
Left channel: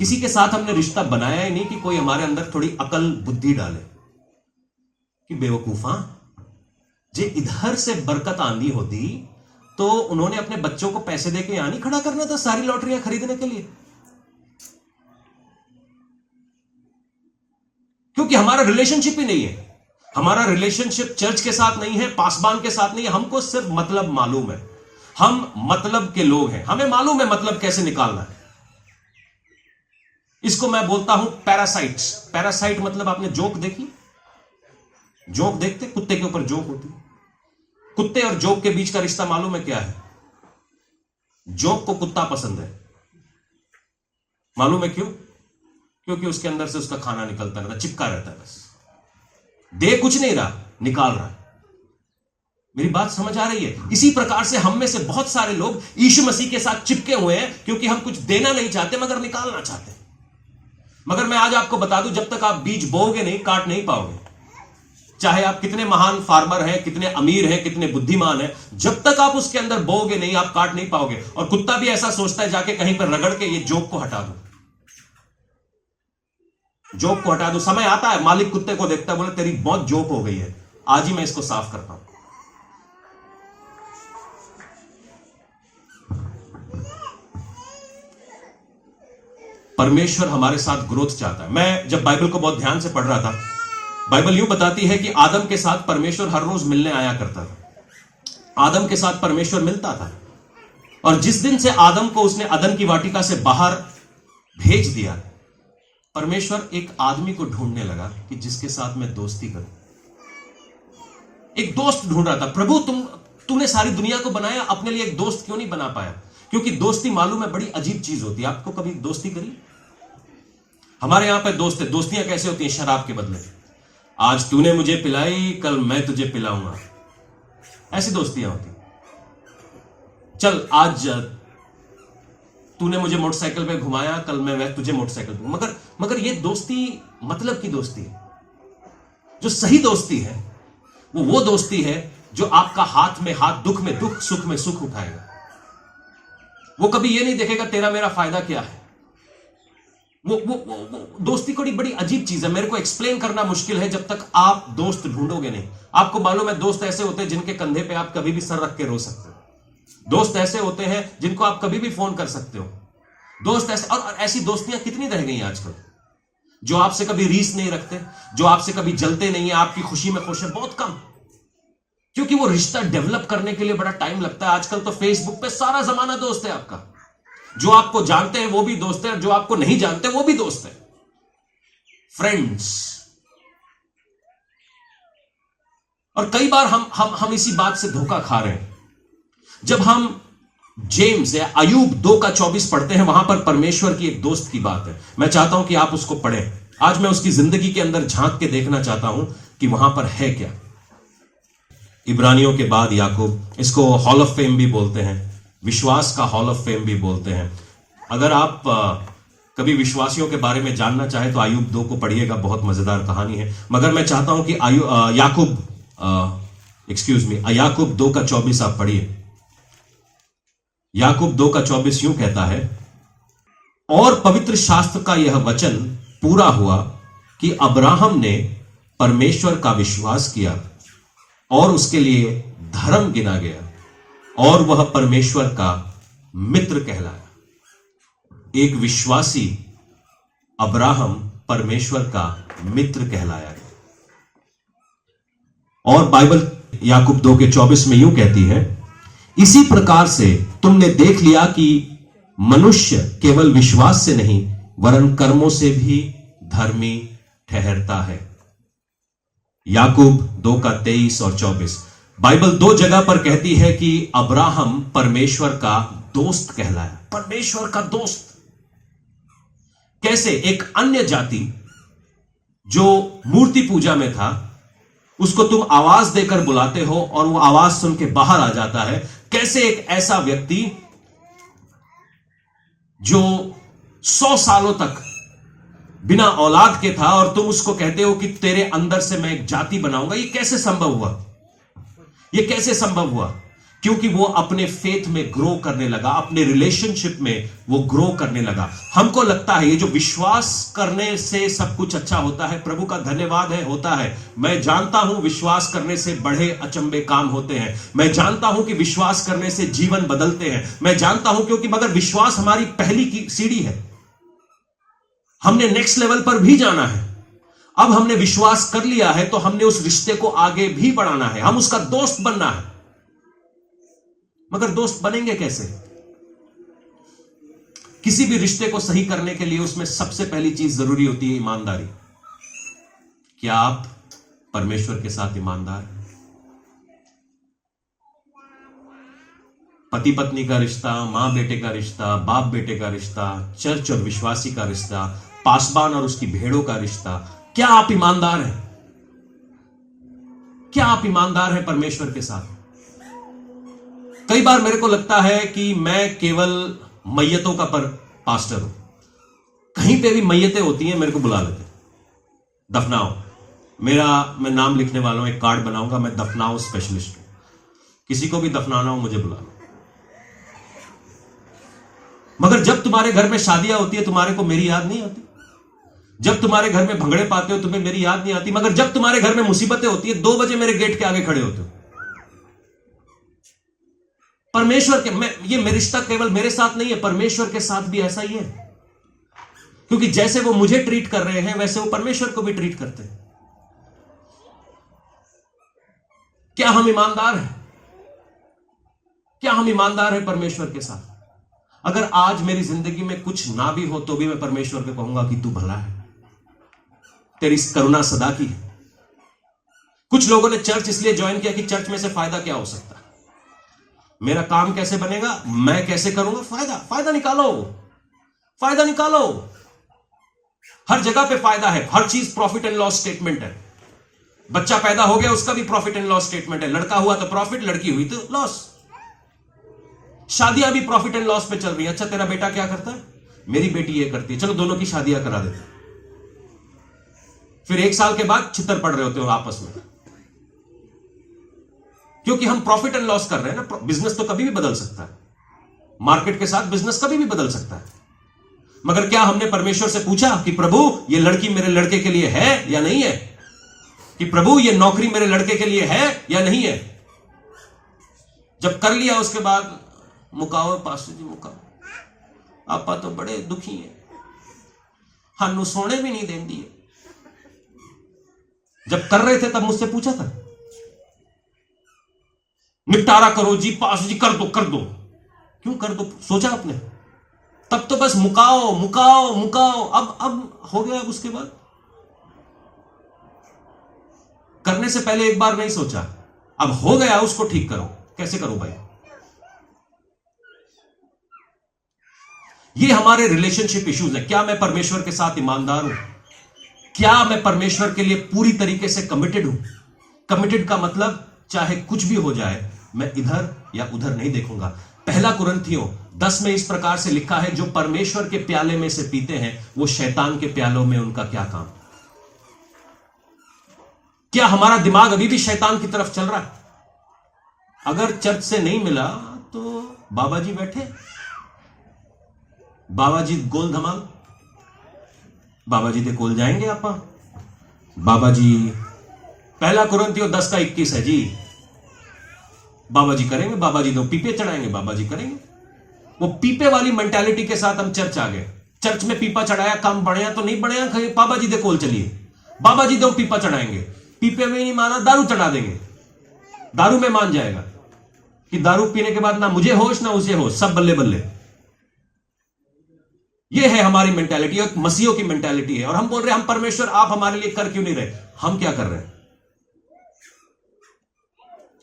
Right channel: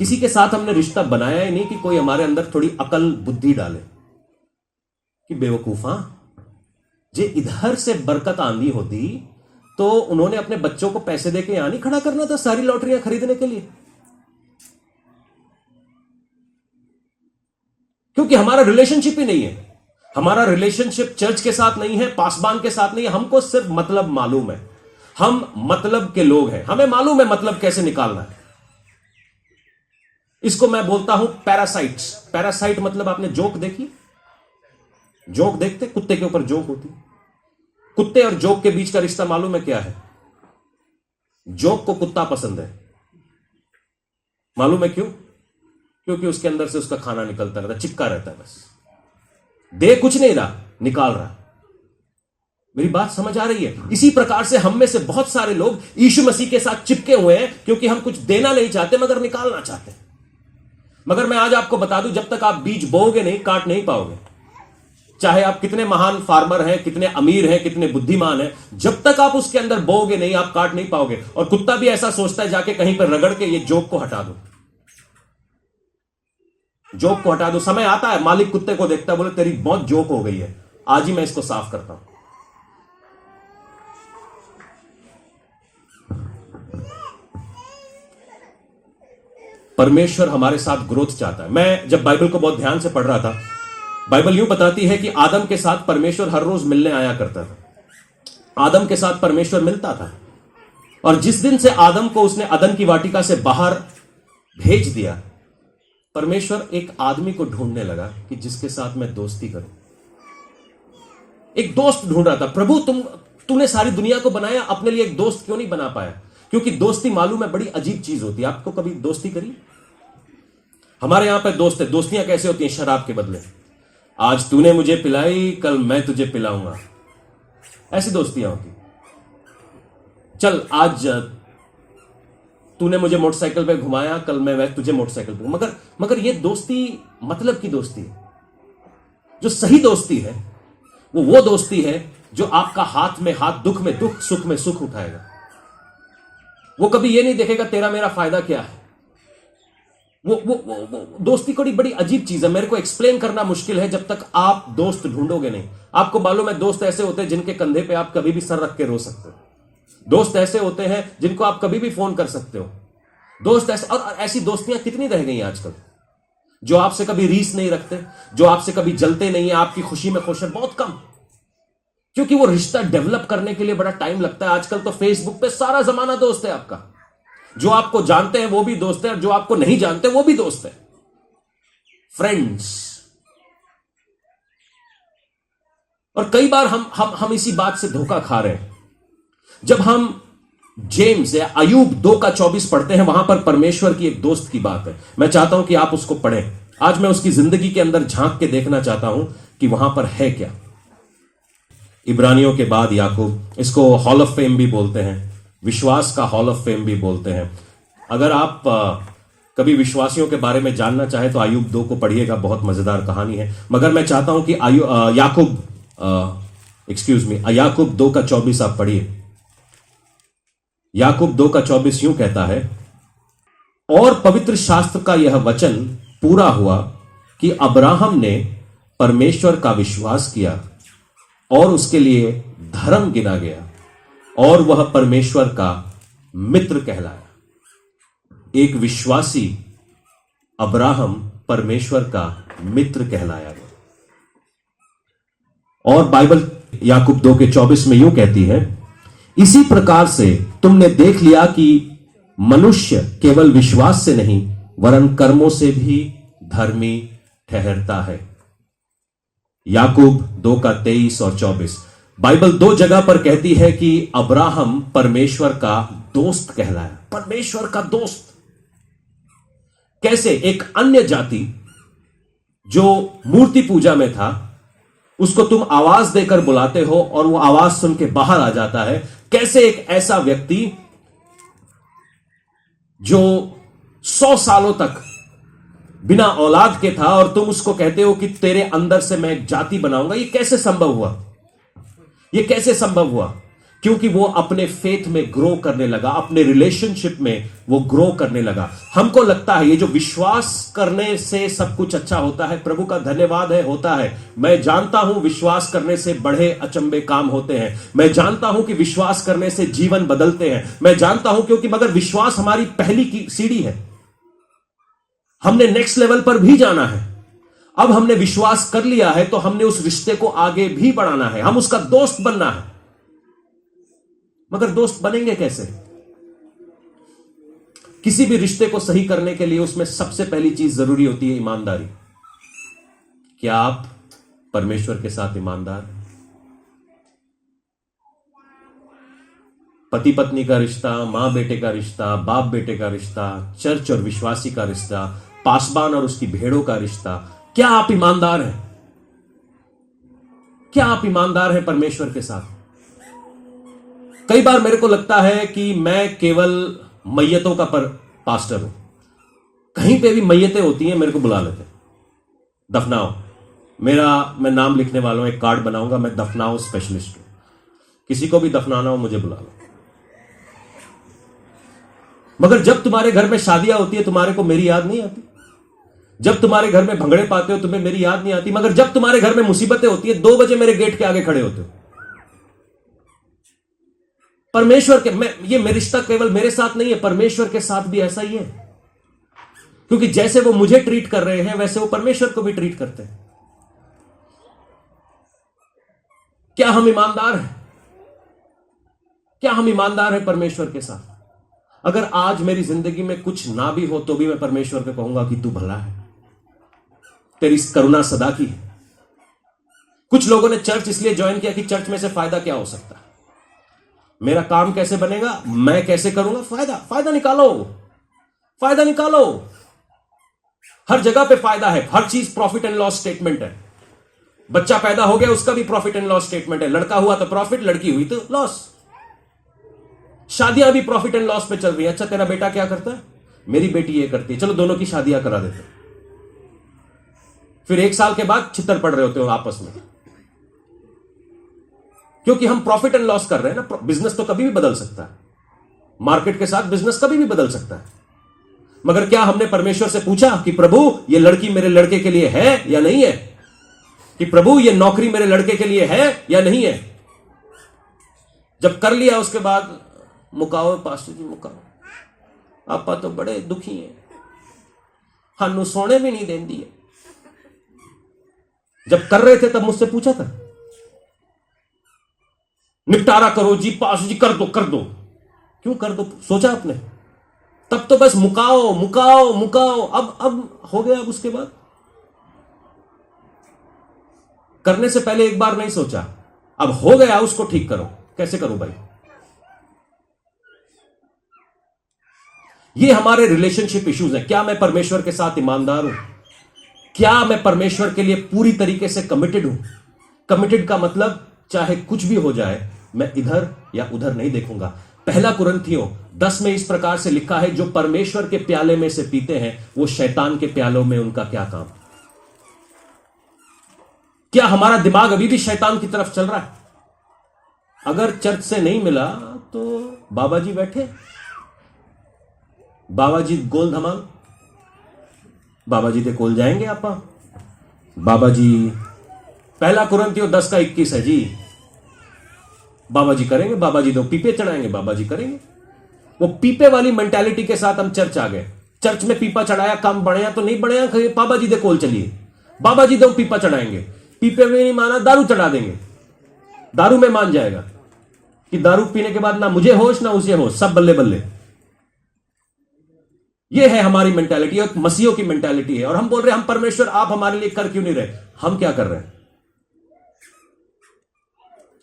किसी के साथ हमने रिश्ता बनाया ही नहीं कि कोई हमारे अंदर थोड़ी अकल बुद्धि डाले कि बेवकूफा जे इधर से बरकत आंधी होती तो उन्होंने अपने बच्चों को पैसे देके यहां नहीं खड़ा करना था सारी लॉटरियां खरीदने के लिए। क्योंकि हमारा रिलेशनशिप ही नहीं है। हमारा रिलेशनशिप चर्च के साथ नहीं है, पासबान के साथ नहीं है। हमको सिर्फ मतलब मालूम है, हम मतलब के लोग हैं, हमें मालूम है मतलब कैसे निकालना है। इसको मैं बोलता हूं पैरासाइट्स। पैरासाइट मतलब आपने जोक देखी? जोक देखते, कुत्ते के ऊपर जोक होती। कुत्ते और जोक के बीच का रिश्ता मालूम है क्या है? जोक को कुत्ता पसंद है। मालूम है क्यों? क्योंकि उसके अंदर से उसका खाना निकलता रहता, चिपका रहता है, बस दे कुछ नहीं रहा, निकाल रहा। मेरी बात समझ आ रही है? इसी प्रकार से हम में से बहुत सारे लोग यीशु मसीह के साथ चिपके हुए हैं क्योंकि हम कुछ देना नहीं चाहते मगर निकालना चाहते हैं। मगर मैं आज आपको बता दूं, जब तक आप बीज बोओगे नहीं, काट नहीं पाओगे। चाहे आप कितने महान फार्मर हैं, कितने अमीर हैं, कितने बुद्धिमान हैं, जब तक आप उसके अंदर बोओगे नहीं, आप काट नहीं पाओगे। और कुत्ता भी ऐसा सोचता है, जाके कहीं पर रगड़ के ये जोक को हटा दो, जोक को हटा दो। समय आता है, मालिक कुत्ते को देखता है, बोले तेरी बहुत जोक हो गई है, आज ही मैं इसको साफ करता हूं। परमेश्वर हमारे साथ ग्रोथ चाहता है। मैं जब बाइबल को बहुत ध्यान से पढ़ रहा था, बाइबल यूं बताती है कि आदम के साथ परमेश्वर हर रोज मिलने आया करता था। आदम के साथ परमेश्वर मिलता था। और जिस दिन से आदम को उसने अदन की वाटिका से बाहर भेज दिया, परमेश्वर एक आदमी को ढूंढने लगा कि जिसके साथ मैं दोस्ती करूं। एक दोस्त ढूंढ रहा था। प्रभु तूने सारी दुनिया को बनाया, अपने लिए एक दोस्त क्यों नहीं बना पाया? क्योंकि दोस्ती मालूम है बड़ी अजीब चीज होती है। आपको कभी दोस्ती करी? हमारे यहां पे दोस्त है। दोस्तियां कैसे होती हैं? शराब के बदले, आज तूने मुझे पिलाई, कल मैं तुझे पिलाऊंगा, ऐसी दोस्तियां होती। चल आज तूने मुझे मोटरसाइकिल पे घुमाया, कल मैं तुझे मोटरसाइकिल पे। मगर ये दोस्ती मतलब की दोस्ती है। जो सही दोस्ती है वो दोस्ती है जो आपका हाथ में हाथ, दुख में दुख, सुख में सुख उठाएगा। वो कभी ये नहीं देखेगा तेरा मेरा फायदा क्या है। वो दोस्ती को बड़ी अजीब चीज है। मेरे को एक्सप्लेन करना मुश्किल है जब तक आप दोस्त ढूंढोगे नहीं। आपको मालूम है, दोस्त ऐसे होते हैं जिनके कंधे पे आप कभी भी सर रख के रो सकते हो। दोस्त ऐसे होते हैं जिनको आप कभी भी फोन कर सकते हो। दोस्त ऐसे, और ऐसी दोस्तियां कितनी रह गई आजकल, जो आपसे कभी रीस नहीं रखते, जो आपसे कभी जलते नहीं है, आपकी खुशी में खुश है, बहुत कम। क्योंकि वो रिश्ता डेवलप करने के लिए बड़ा टाइम लगता है। आजकल तो फेसबुक पे सारा जमाना दोस्त है आपका। जो आपको जानते हैं वो भी दोस्त है, और जो आपको नहीं जानते वो भी दोस्त है। फ्रेंड्स। और कई बार हम इसी बात से धोखा खा रहे हैं। जब हम जेम्स या अयूब 2:24 पढ़ते हैं, वहां पर परमेश्वर की एक दोस्त की बात है। मैं चाहता हूं कि आप उसको पढ़ें। आज मैं उसकी जिंदगी के अंदर झांक के देखना चाहता हूं कि वहां पर है क्या। इब्रानियों के बाद याकूब, इसको हॉल ऑफ फेम भी बोलते हैं, विश्वास का हॉल ऑफ फेम भी बोलते हैं। अगर आप कभी विश्वासियों के बारे में जानना चाहे तो अयूब 2 को पढ़िएगा, बहुत मजेदार कहानी है। मगर मैं चाहता हूं कि याकूब 2:24 आप पढ़िए। याकूब 2:24 यूं कहता है, और पवित्र शास्त्र का यह वचन पूरा हुआ कि अब्राहम ने परमेश्वर का विश्वास किया और उसके लिए धर्म गिना गया, और वह परमेश्वर का मित्र कहलाया। एक विश्वासी अब्राहम परमेश्वर का मित्र कहलाया। और बाइबल याकूब 2:24 में यूं कहती है, इसी प्रकार से तुमने देख लिया कि मनुष्य केवल विश्वास से नहीं वरन कर्मों से भी धर्मी ठहरता है। याकूब 2:23 और 24। बाइबल 2 जगह पर कहती है कि अब्राहम परमेश्वर का दोस्त कहलाया। परमेश्वर का दोस्त कैसे? एक अन्य जाति जो मूर्ति पूजा में था, उसको तुम आवाज देकर बुलाते हो और वो आवाज सुन के बाहर आ जाता है। कैसे एक ऐसा व्यक्ति जो 100 सालों तक बिना औलाद के था और तुम उसको कहते हो कि तेरे अंदर से मैं एक जाति बनाऊंगा, ये कैसे संभव हुआ? ये कैसे संभव हुआ? क्योंकि वो अपने फेथ में ग्रो करने लगा, अपने रिलेशनशिप में वो ग्रो करने लगा। हमको लगता है ये जो विश्वास करने से सब कुछ अच्छा होता है, प्रभु का धन्यवाद है, होता है। मैं जानता हूं विश्वास करने से बड़े अचंभे काम होते हैं। मैं जानता हूं कि विश्वास करने से जीवन बदलते हैं। मैं जानता हूं क्योंकि मगर विश्वास हमारी पहली की सीढ़ी है। हमने नेक्स्ट लेवल पर भी जाना है। अब हमने विश्वास कर लिया है तो हमने उस रिश्ते को आगे भी बढ़ाना है। हम उसका दोस्त बनना है। मगर दोस्त बनेंगे कैसे? किसी भी रिश्ते को सही करने के लिए उसमें सबसे पहली चीज जरूरी होती है ईमानदारी। क्या आप परमेश्वर के साथ ईमानदार? पति पत्नी का रिश्ता, मां बेटे का रिश्ता, बाप बेटे का रिश्ता, चर्च और विश्वासी का रिश्ता, पासबान और उसकी भेड़ों का रिश्ता, क्या आप ईमानदार हैं? क्या आप ईमानदार हैं परमेश्वर के साथ? कई बार मेरे को लगता है कि मैं केवल मैयतों का पास्टर हूं। कहीं पे भी मैयतें होती हैं, मेरे को बुला लेते, दफनाओ। मैं नाम लिखने वाला हूं, एक कार्ड बनाऊंगा, मैं दफनाओ स्पेशलिस्ट हूं। किसी को भी दफनाना हो मुझे बुला लो। मगर जब तुम्हारे घर में शादियां होती है तुम्हारे को मेरी याद नहीं आती। जब तुम्हारे घर में भंगड़े पाते हो तुम्हें मेरी याद नहीं आती। मगर जब तुम्हारे घर में मुसीबतें होती है 2 बजे मेरे गेट के आगे खड़े होते हो। परमेश्वर के ये रिश्ता केवल मेरे साथ नहीं है, परमेश्वर के साथ भी ऐसा ही है। क्योंकि जैसे वो मुझे ट्रीट कर रहे हैं वैसे वो परमेश्वर को भी ट्रीट करते हैं। क्या हम ईमानदार हैं? क्या हम ईमानदार हैं परमेश्वर के साथ? अगर आज मेरी जिंदगी में कुछ ना भी हो तो भी मैं परमेश्वर को कहूंगा कि तू भला है, तेरी करुणा सदा की है। कुछ लोगों ने चर्च इसलिए ज्वाइन किया कि चर्च में से फायदा क्या हो सकता है, मेरा काम कैसे बनेगा, मैं कैसे करूंगा, फायदा निकालो, फायदा निकालो। हर जगह पे फायदा है, हर चीज प्रॉफिट एंड लॉस स्टेटमेंट है। बच्चा पैदा हो गया उसका भी प्रॉफिट एंड लॉस स्टेटमेंट है। लड़का हुआ तो प्रॉफिट, लड़की हुई तो लॉस। शादियां भी प्रॉफिट एंड लॉस पे चल रही है। अच्छा तेरा बेटा क्या करता है, मेरी बेटी ये करती है, चलो दोनों की शादियां करा देते हैं। फिर 1 साल के बाद छितर पड़ रहे होते हो आपस में, क्योंकि हम प्रॉफिट एंड लॉस कर रहे हैं ना। बिजनेस तो कभी भी बदल सकता है, मार्केट के साथ बिजनेस कभी भी बदल सकता है। मगर क्या हमने परमेश्वर से पूछा कि प्रभु ये लड़की मेरे लड़के के लिए है या नहीं है? कि प्रभु ये नौकरी मेरे लड़के के लिए है या नहीं है? जब कर लिया उसके बाद मुकाओ पास्टर जी, मुकाओ, आपा तो बड़े दुखी हैं, हानू सोने भी नहीं देंदी है। जब कर रहे थे तब मुझसे पूछा था, निपटारा करो जी, पास जी, कर दो कर दो। क्यों कर दो? सोचा आपने? तब तो बस मुकाओ मुकाओ मुकाओ। अब हो गया। अब उसके बाद करने से पहले एक बार नहीं सोचा, अब हो गया उसको ठीक करो। कैसे करो भाई? ये हमारे रिलेशनशिप इश्यूज हैं। क्या मैं परमेश्वर के साथ ईमानदार हूं? क्या मैं परमेश्वर के लिए पूरी तरीके से कमिटेड हूं? कमिटेड का मतलब चाहे कुछ भी हो जाए मैं इधर या उधर नहीं देखूंगा। पहला कुरिन्थियों 10 में इस प्रकार से लिखा है, जो परमेश्वर के प्याले में से पीते हैं वो शैतान के प्यालों में उनका क्या काम? क्या हमारा दिमाग अभी भी शैतान की तरफ चल रहा है? अगर चर्च से नहीं मिला तो बाबा जी बैठे, बाबा जी गोल धमाल, बाबा जी दे कोल जाएंगे आप। बाबा जी पहला कुरिन्थियों 10 का 21 है जी, बाबा जी करेंगे, बाबा जी दो पीपे चढ़ाएंगे, बाबा जी करेंगे। वो पीपे वाली मेंटालिटी के साथ हम चर्च आ गए। चर्च में पीपा चढ़ाया, काम बढ़िया तो नहीं बढ़िया, बाबा जी दे कोल चलिए, बाबा जी दो पीपा चढ़ाएंगे। पीपे में नहीं माना, दारू चढ़ा देंगे, दारू में मान जाएगा कि दारू पीने के बाद ना मुझे होश ना उसे होश, सब बल्ले बल्ले। ये है हमारी मेंटालिटी, एक मसीहों की मेंटालिटी है। और हम बोल रहे हैं हम परमेश्वर आप हमारे लिए कर क्यों नहीं रहे? हम क्या कर रहे हैं?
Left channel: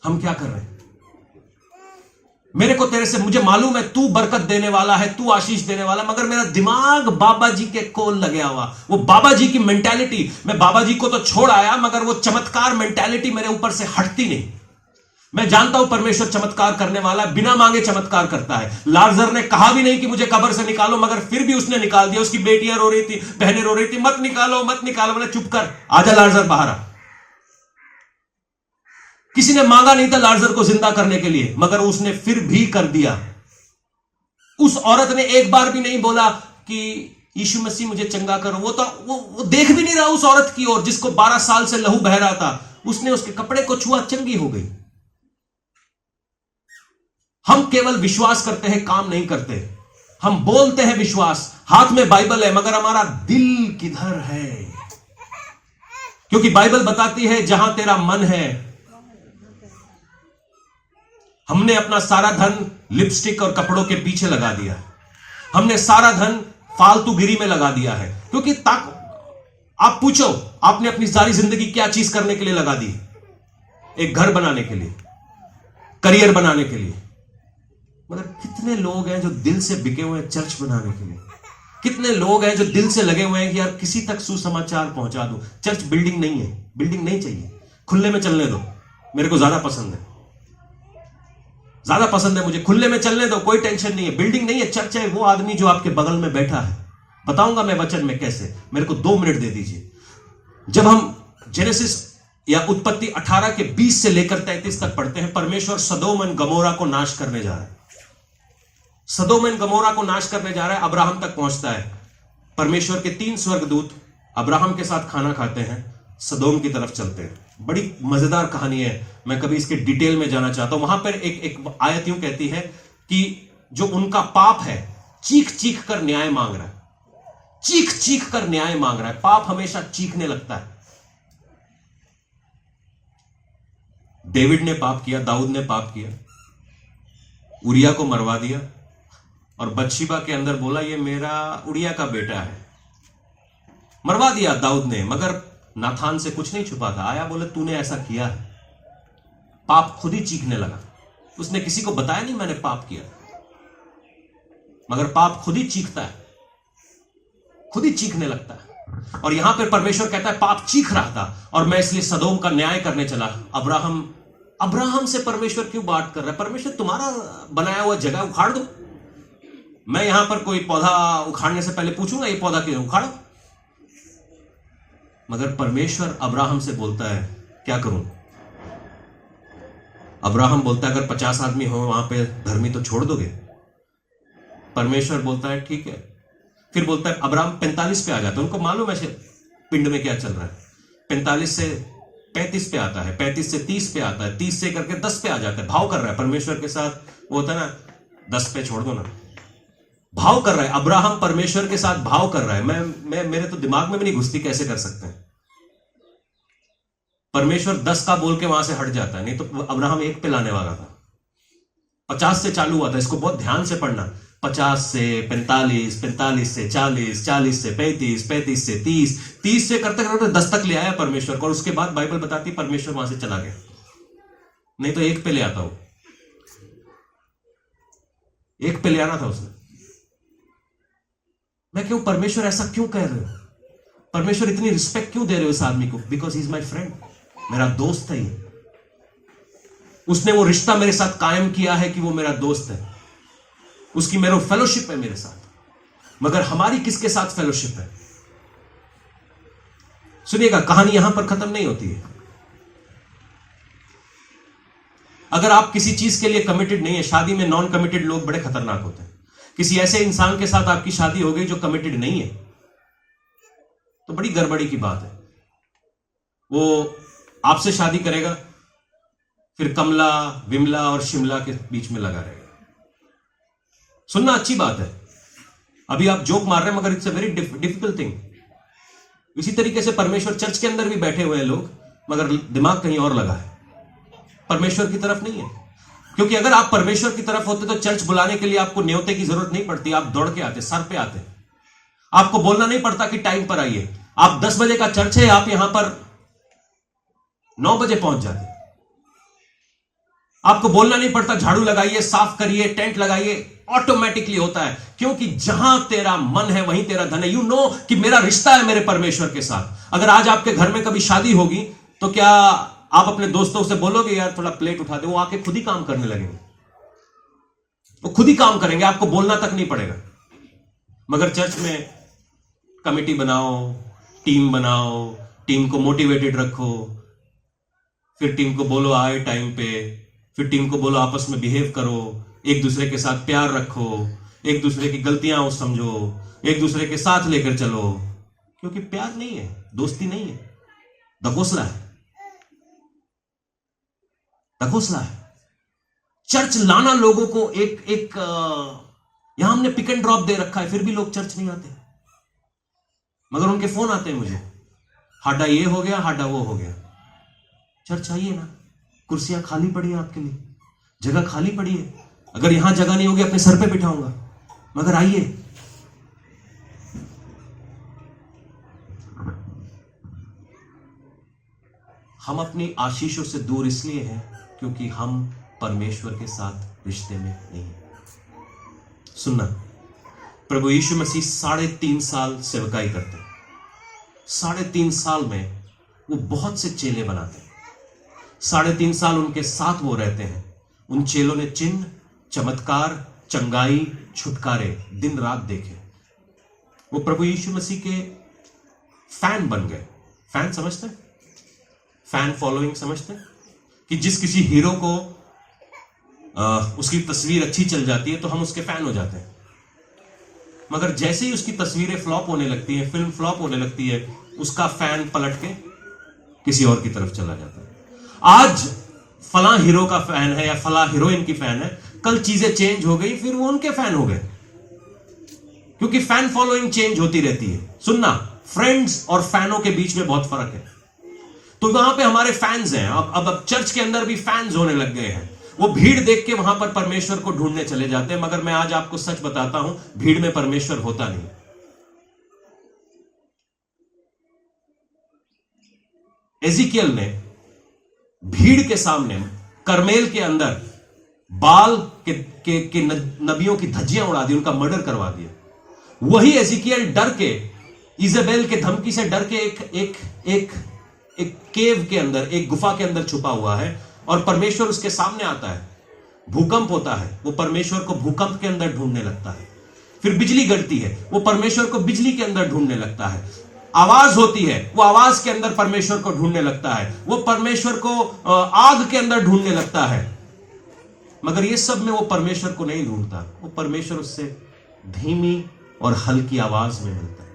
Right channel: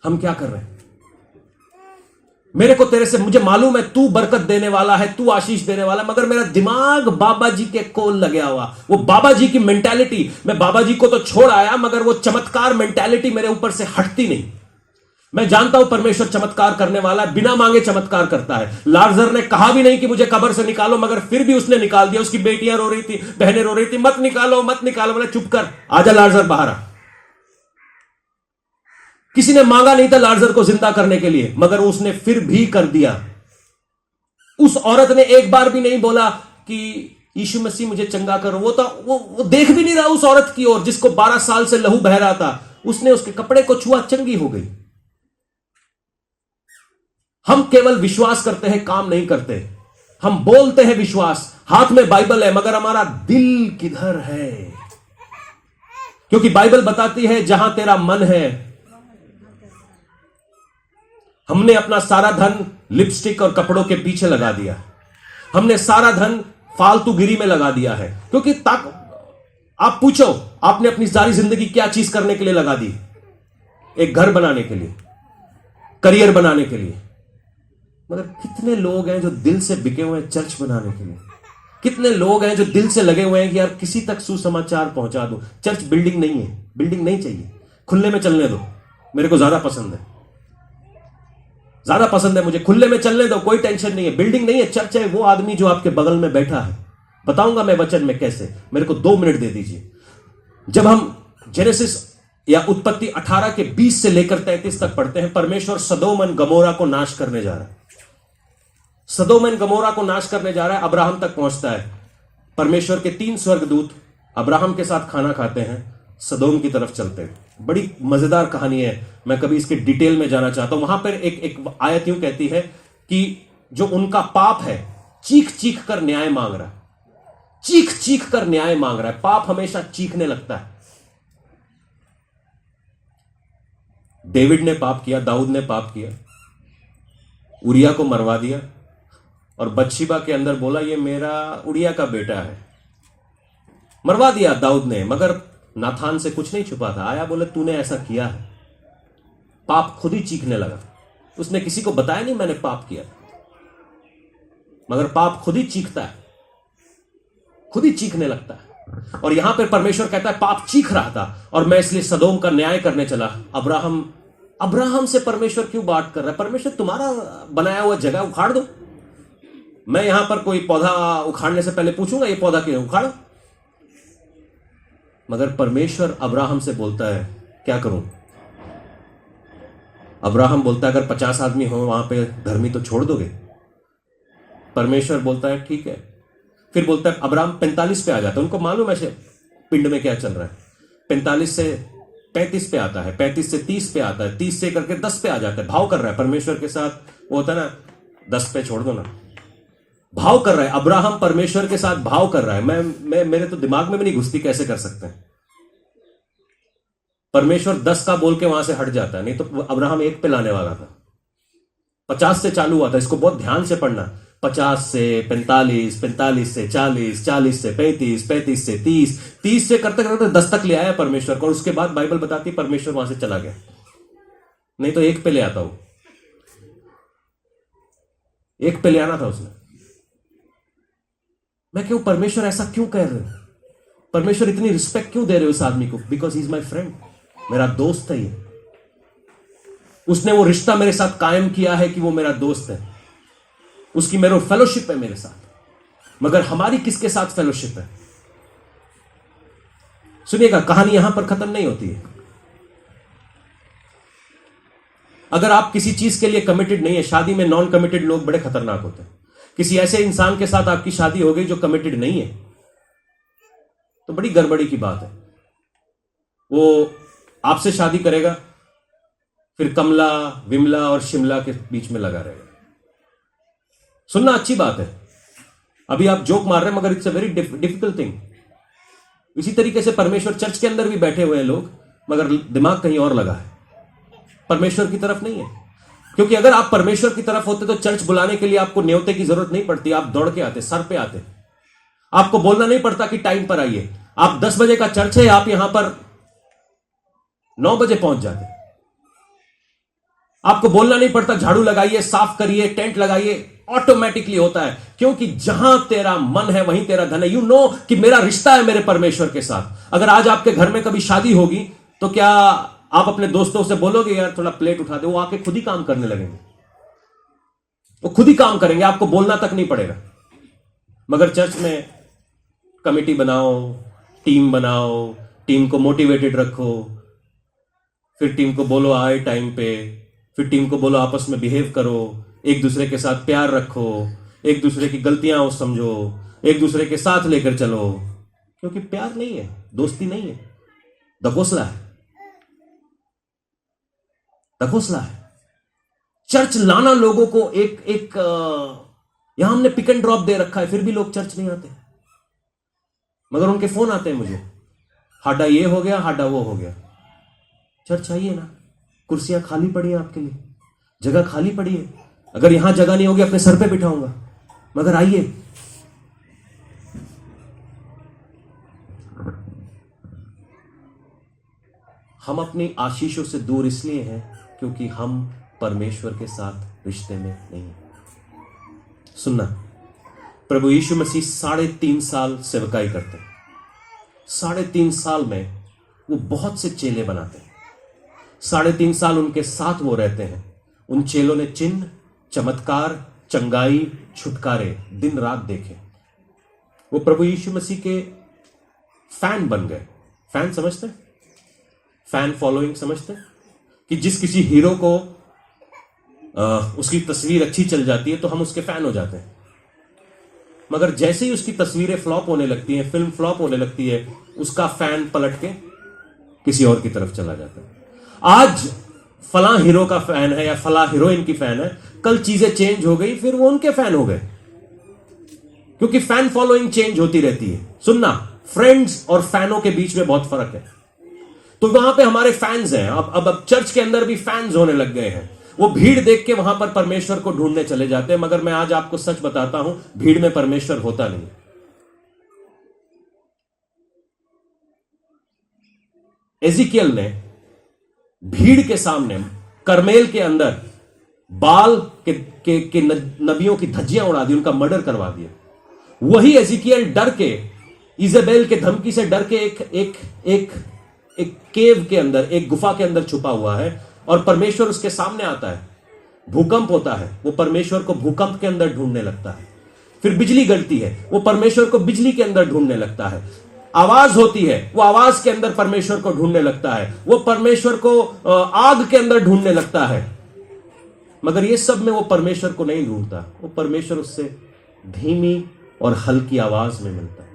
हम क्या कर रहे हैं? मेरे को तेरे से, मुझे मालूम है तू बरकत देने वाला है, तू आशीष देने वाला, मगर मेरा दिमाग बाबा जी के कोल लगा हुआ। वो बाबा जी की मेंटालिटी, मैं बाबा जी को तो छोड़ आया मगर वो चमत्कार मेंटालिटी मेरे ऊपर से हटती नहीं। मैं जानता हूं परमेश्वर चमत्कार करने वाला है, बिना मांगे चमत्कार करता है। लाजर ने कहा भी नहीं कि मुझे कब्र से निकालो, मगर फिर भी उसने निकाल दिया। उसकी बेटियां रो रही थी, बहनें रो रही थी, मत निकालो मत निकालो। बोले चुप कर, आजा लाजर बाहर आ। किसी ने मांगा नहीं था लाजर को जिंदा करने के लिए, मगर उसने फिर भी कर दिया। उस औरत ने एक बार भी नहीं बोला कि यीशु मसीह मुझे चंगा करो। वो देख भी नहीं रहा उस औरत की ओर जिसको 12 साल से लहू बह रहा था। उसने उसके कपड़े को छुआ, चंगी हो गई। हम केवल विश्वास करते हैं, काम नहीं करते। हम बोलते हैं विश्वास, हाथ में बाइबल है, मगर हमारा दिल किधर है? क्योंकि बाइबल बताती है जहां तेरा मन है। हमने अपना सारा धन लिपस्टिक और कपड़ों के पीछे लगा दिया। हमने सारा धन फालतूगिरी में लगा दिया है। क्योंकि आप पूछो, आपने अपनी सारी जिंदगी क्या चीज करने के लिए लगा दी? एक घर बनाने के लिए, करियर बनाने के लिए। मगर कितने लोग हैं जो दिल से बिके हुए हैं चर्च बनाने के लिए? कितने लोग हैं जो दिल से लगे हुए हैं कि यार किसी तक सुसमाचार पहुंचा दो। चर्च बिल्डिंग नहीं है, बिल्डिंग नहीं चाहिए, खुले में चलने दो। मेरे को ज्यादा पसंद है, ज्यादा पसंद है मुझे, खुले में चलने दो, कोई टेंशन नहीं है। बिल्डिंग नहीं है, चर्च है। वो आदमी जो आपके बगल में बैठा है, बताऊंगा मैं वचन में कैसे, मेरे को 2 मिनट दे दीजिए। जब हम जेनेसिस या उत्पत्ति 18 के 20 से लेकर 33 तक पढ़ते हैं, परमेश्वर सदोम और गमोरा को नाश करने जा रहा है। सदोम और गमोरा को नाश करने जा रहा है, अब्राहम तक पहुंचता है। परमेश्वर के 3 स्वर्गदूत अब्राहम के साथ खाना खाते हैं, सदोम की तरफ चलते हैं। बड़ी मजेदार कहानी है, मैं कभी इसके डिटेल में जाना चाहता हूं। वहां पर एक आयत यूं कहती है कि जो उनका पाप है, चीख चीख कर न्याय मांग रहा है, चीख चीख कर न्याय मांग रहा है। पाप हमेशा चीखने लगता है। डेविड ने पाप किया, दाऊद ने पाप किया, उरिया को मरवा दिया और बत्शीबा के अंदर बोला ये मेरा उरिया का बेटा है। मरवा दिया दाऊद ने, मगर नाथान से कुछ नहीं छुपा था। आया, बोले तूने ऐसा किया है। पाप खुद ही चीखने लगा। उसने किसी को बताया नहीं मैंने पाप किया, मगर पाप खुद ही चीखता है, खुद ही चीखने लगता है। और यहां पर परमेश्वर कहता है पाप चीख रहा था और मैं इसलिए सदोम का न्याय करने चला। अब्राहम से परमेश्वर क्यों बात कर रहा है? परमेश्वर तुम्हारा बनाया हुआ जगह उखाड़ दो। मैं यहां पर कोई पौधा उखाड़ने से पहले पूछूंगा ये पौधा क्यों उखाड़ो? मगर परमेश्वर अब्राहम से बोलता है क्या करूं? अब्राहम बोलता है अगर 50 आदमी हो वहां पे धर्मी तो छोड़ दोगे? परमेश्वर बोलता है ठीक है। फिर बोलता है अब्राहम 45 पे आ जाता है। उनको मालूम है पिंड में क्या चल रहा है। 45 से 35 पे आता है, 35 से 30 पे आता है, 30 से करके 10 पे आ जाता है। भाव कर रहा है परमेश्वर के साथ। वो होता है ना 10 पे छोड़ दो ना, भाव कर रहा है। अब्राहम परमेश्वर के साथ भाव कर रहा है। मैं मेरे तो दिमाग में भी नहीं घुसती कैसे कर सकते हैं। परमेश्वर 10 का बोल के वहां से हट जाता है, नहीं तो अब्राहम 1 पे लाने वाला था। 50 से चालू हुआ था। इसको बहुत ध्यान से पढ़ना। 50 से 45, 45 से 40, 40 से 35, 35 से 30, 30 से करते करते 10 तक ले आया परमेश्वर को। और उसके बाद बाइबल बताती परमेश्वर वहां से चला गया, नहीं तो 1 पे ले आता वो। 1 पे ले आना था उसने। मैं क्यों, परमेश्वर ऐसा क्यों कह रहे हो? परमेश्वर इतनी रिस्पेक्ट क्यों दे रहे हो इस आदमी को? Because he is my friend, मेरा दोस्त है ये। उसने वो रिश्ता मेरे साथ कायम किया है कि वो मेरा दोस्त है, उसकी मेरा फेलोशिप है मेरे साथ। मगर हमारी किसके साथ फेलोशिप है? सुनिएगा, कहानी यहां पर खत्म नहीं होती है। अगर आप किसी चीज के लिए कमिटेड नहीं है, शादी में नॉन कमिटेड लोग बड़े खतरनाक होते हैं। किसी ऐसे इंसान के साथ आपकी शादी हो गई जो कमिटेड नहीं है, तो बड़ी गड़बड़ी की बात है। वो आपसे शादी करेगा, फिर कमला, विमला और शिमला के बीच में लगा रहेगा। सुनना अच्छी बात है, अभी आप जोक मार रहे हैं, मगर it's a very difficult thing. इसी तरीके से परमेश्वर चर्च के अंदर भी बैठे हुए हैं लोग, मगर दिमाग कहीं और लगा है, परमेश्वर की तरफ नहीं है। क्योंकि अगर आप परमेश्वर की तरफ होते तो चर्च बुलाने के लिए आपको न्योते की जरूरत नहीं पड़ती। आप दौड़ के आते, सर पे आते। आपको बोलना नहीं पड़ता कि टाइम पर आइए। आप 10 बजे का चर्च है, आप यहां पर 9 बजे पहुंच जाते। आपको बोलना नहीं पड़ता झाड़ू लगाइए, साफ करिए, टेंट लगाइए, ऑटोमेटिकली होता है। क्योंकि जहां तेरा मन है वहीं तेरा धन है। यू नो कि मेरा रिश्ता है मेरे परमेश्वर के साथ। अगर आज आपके घर में कभी शादी होगी तो क्या आप अपने दोस्तों से बोलोगे यार थोड़ा प्लेट उठा दे? वो आके खुद ही काम करने लगेंगे, वो खुद ही काम करेंगे, आपको बोलना तक नहीं पड़ेगा। मगर चर्च में कमेटी बनाओ, टीम बनाओ, टीम को मोटिवेटेड रखो, फिर टीम को बोलो आए टाइम पे, फिर टीम को बोलो आपस में बिहेव करो, एक दूसरे के साथ प्यार रखो, एक दूसरे की गलतियां समझो, एक दूसरे के साथ लेकर चलो, क्योंकि प्यार नहीं है, दोस्ती नहीं है, दघोसला है, दघोसला है। चर्च लाना लोगों को एक यहां हमने पिक एंड ड्रॉप दे रखा है, फिर भी लोग चर्च नहीं आते, मगर उनके फोन आते हैं मुझे, हाडा ये हो गया, हाडा वो हो गया। चर्च आइए ना, कुर्सियां खाली पड़ी है आपके लिए, जगह खाली पड़ी है, अगर यहां जगह नहीं होगी अपने सर पे बिठाऊंगा, मगर आइए। हम अपनी आशीषों से दूर इसलिए हैं क्योंकि हम परमेश्वर के साथ रिश्ते में नहीं हैं। सुनना, प्रभु यीशु मसीह 3.5 साल सेवकाई करते, 3.5 साल में वो बहुत से चेले बनाते हैं, 3.5 साल उनके साथ वो रहते हैं। उन चेलों ने चिन्ह, चमत्कार, चंगाई, छुटकारे दिन रात देखे। वो प्रभु यीशु मसीह के फैन बन गए। फैन समझते, फैन फॉलोइंग समझते, कि जिस किसी हीरो को उसकी तस्वीर अच्छी चल जाती है तो हम उसके फैन हो जाते हैं, मगर जैसे ही उसकी तस्वीरें फ्लॉप होने लगती हैं, फिल्म फ्लॉप होने लगती है, उसका फैन पलट के किसी और की तरफ चला जाता है। आज फलां हीरो का फैन है या फलां हीरोइन की फैन है, कल चीजें चेंज हो गई, फिर वो उनके फैन हो गए, क्योंकि फैन फॉलोइंग चेंज होती रहती है। सुनना, फ्रेंड्स और फैनों के बीच में बहुत फर्क है। तो वहां पे हमारे फैंस हैं, अब चर्च के अंदर भी फैंस होने लग गए हैं। वो भीड़ देख के वहां पर परमेश्वर को ढूंढने चले जाते हैं, मगर मैं आज आपको सच बताता हूं, भीड़ में परमेश्वर होता नहीं। एजिकियल ने भीड़ के सामने करमेल के अंदर बाल के नबियों की धज्जियां उड़ा दी, उनका मर्डर करवा दिया। वही एजिकियल डर के, इजेबेल के धमकी से डर के एक केव के अंदर, एक गुफा के अंदर छुपा हुआ है, और परमेश्वर उसके सामने आता है। भूकंप होता है, वो परमेश्वर को भूकंप के अंदर ढूंढने लगता है। फिर बिजली गिरती है, वो परमेश्वर को बिजली के अंदर ढूंढने लगता है। आवाज होती है, वो आवाज के अंदर परमेश्वर को ढूंढने लगता है। वो परमेश्वर को आग के अंदर ढूंढने लगता है, मगर ये सब में वो परमेश्वर को नहीं ढूंढता। वो परमेश्वर उससे धीमी और हल्की आवाज में मिलता है।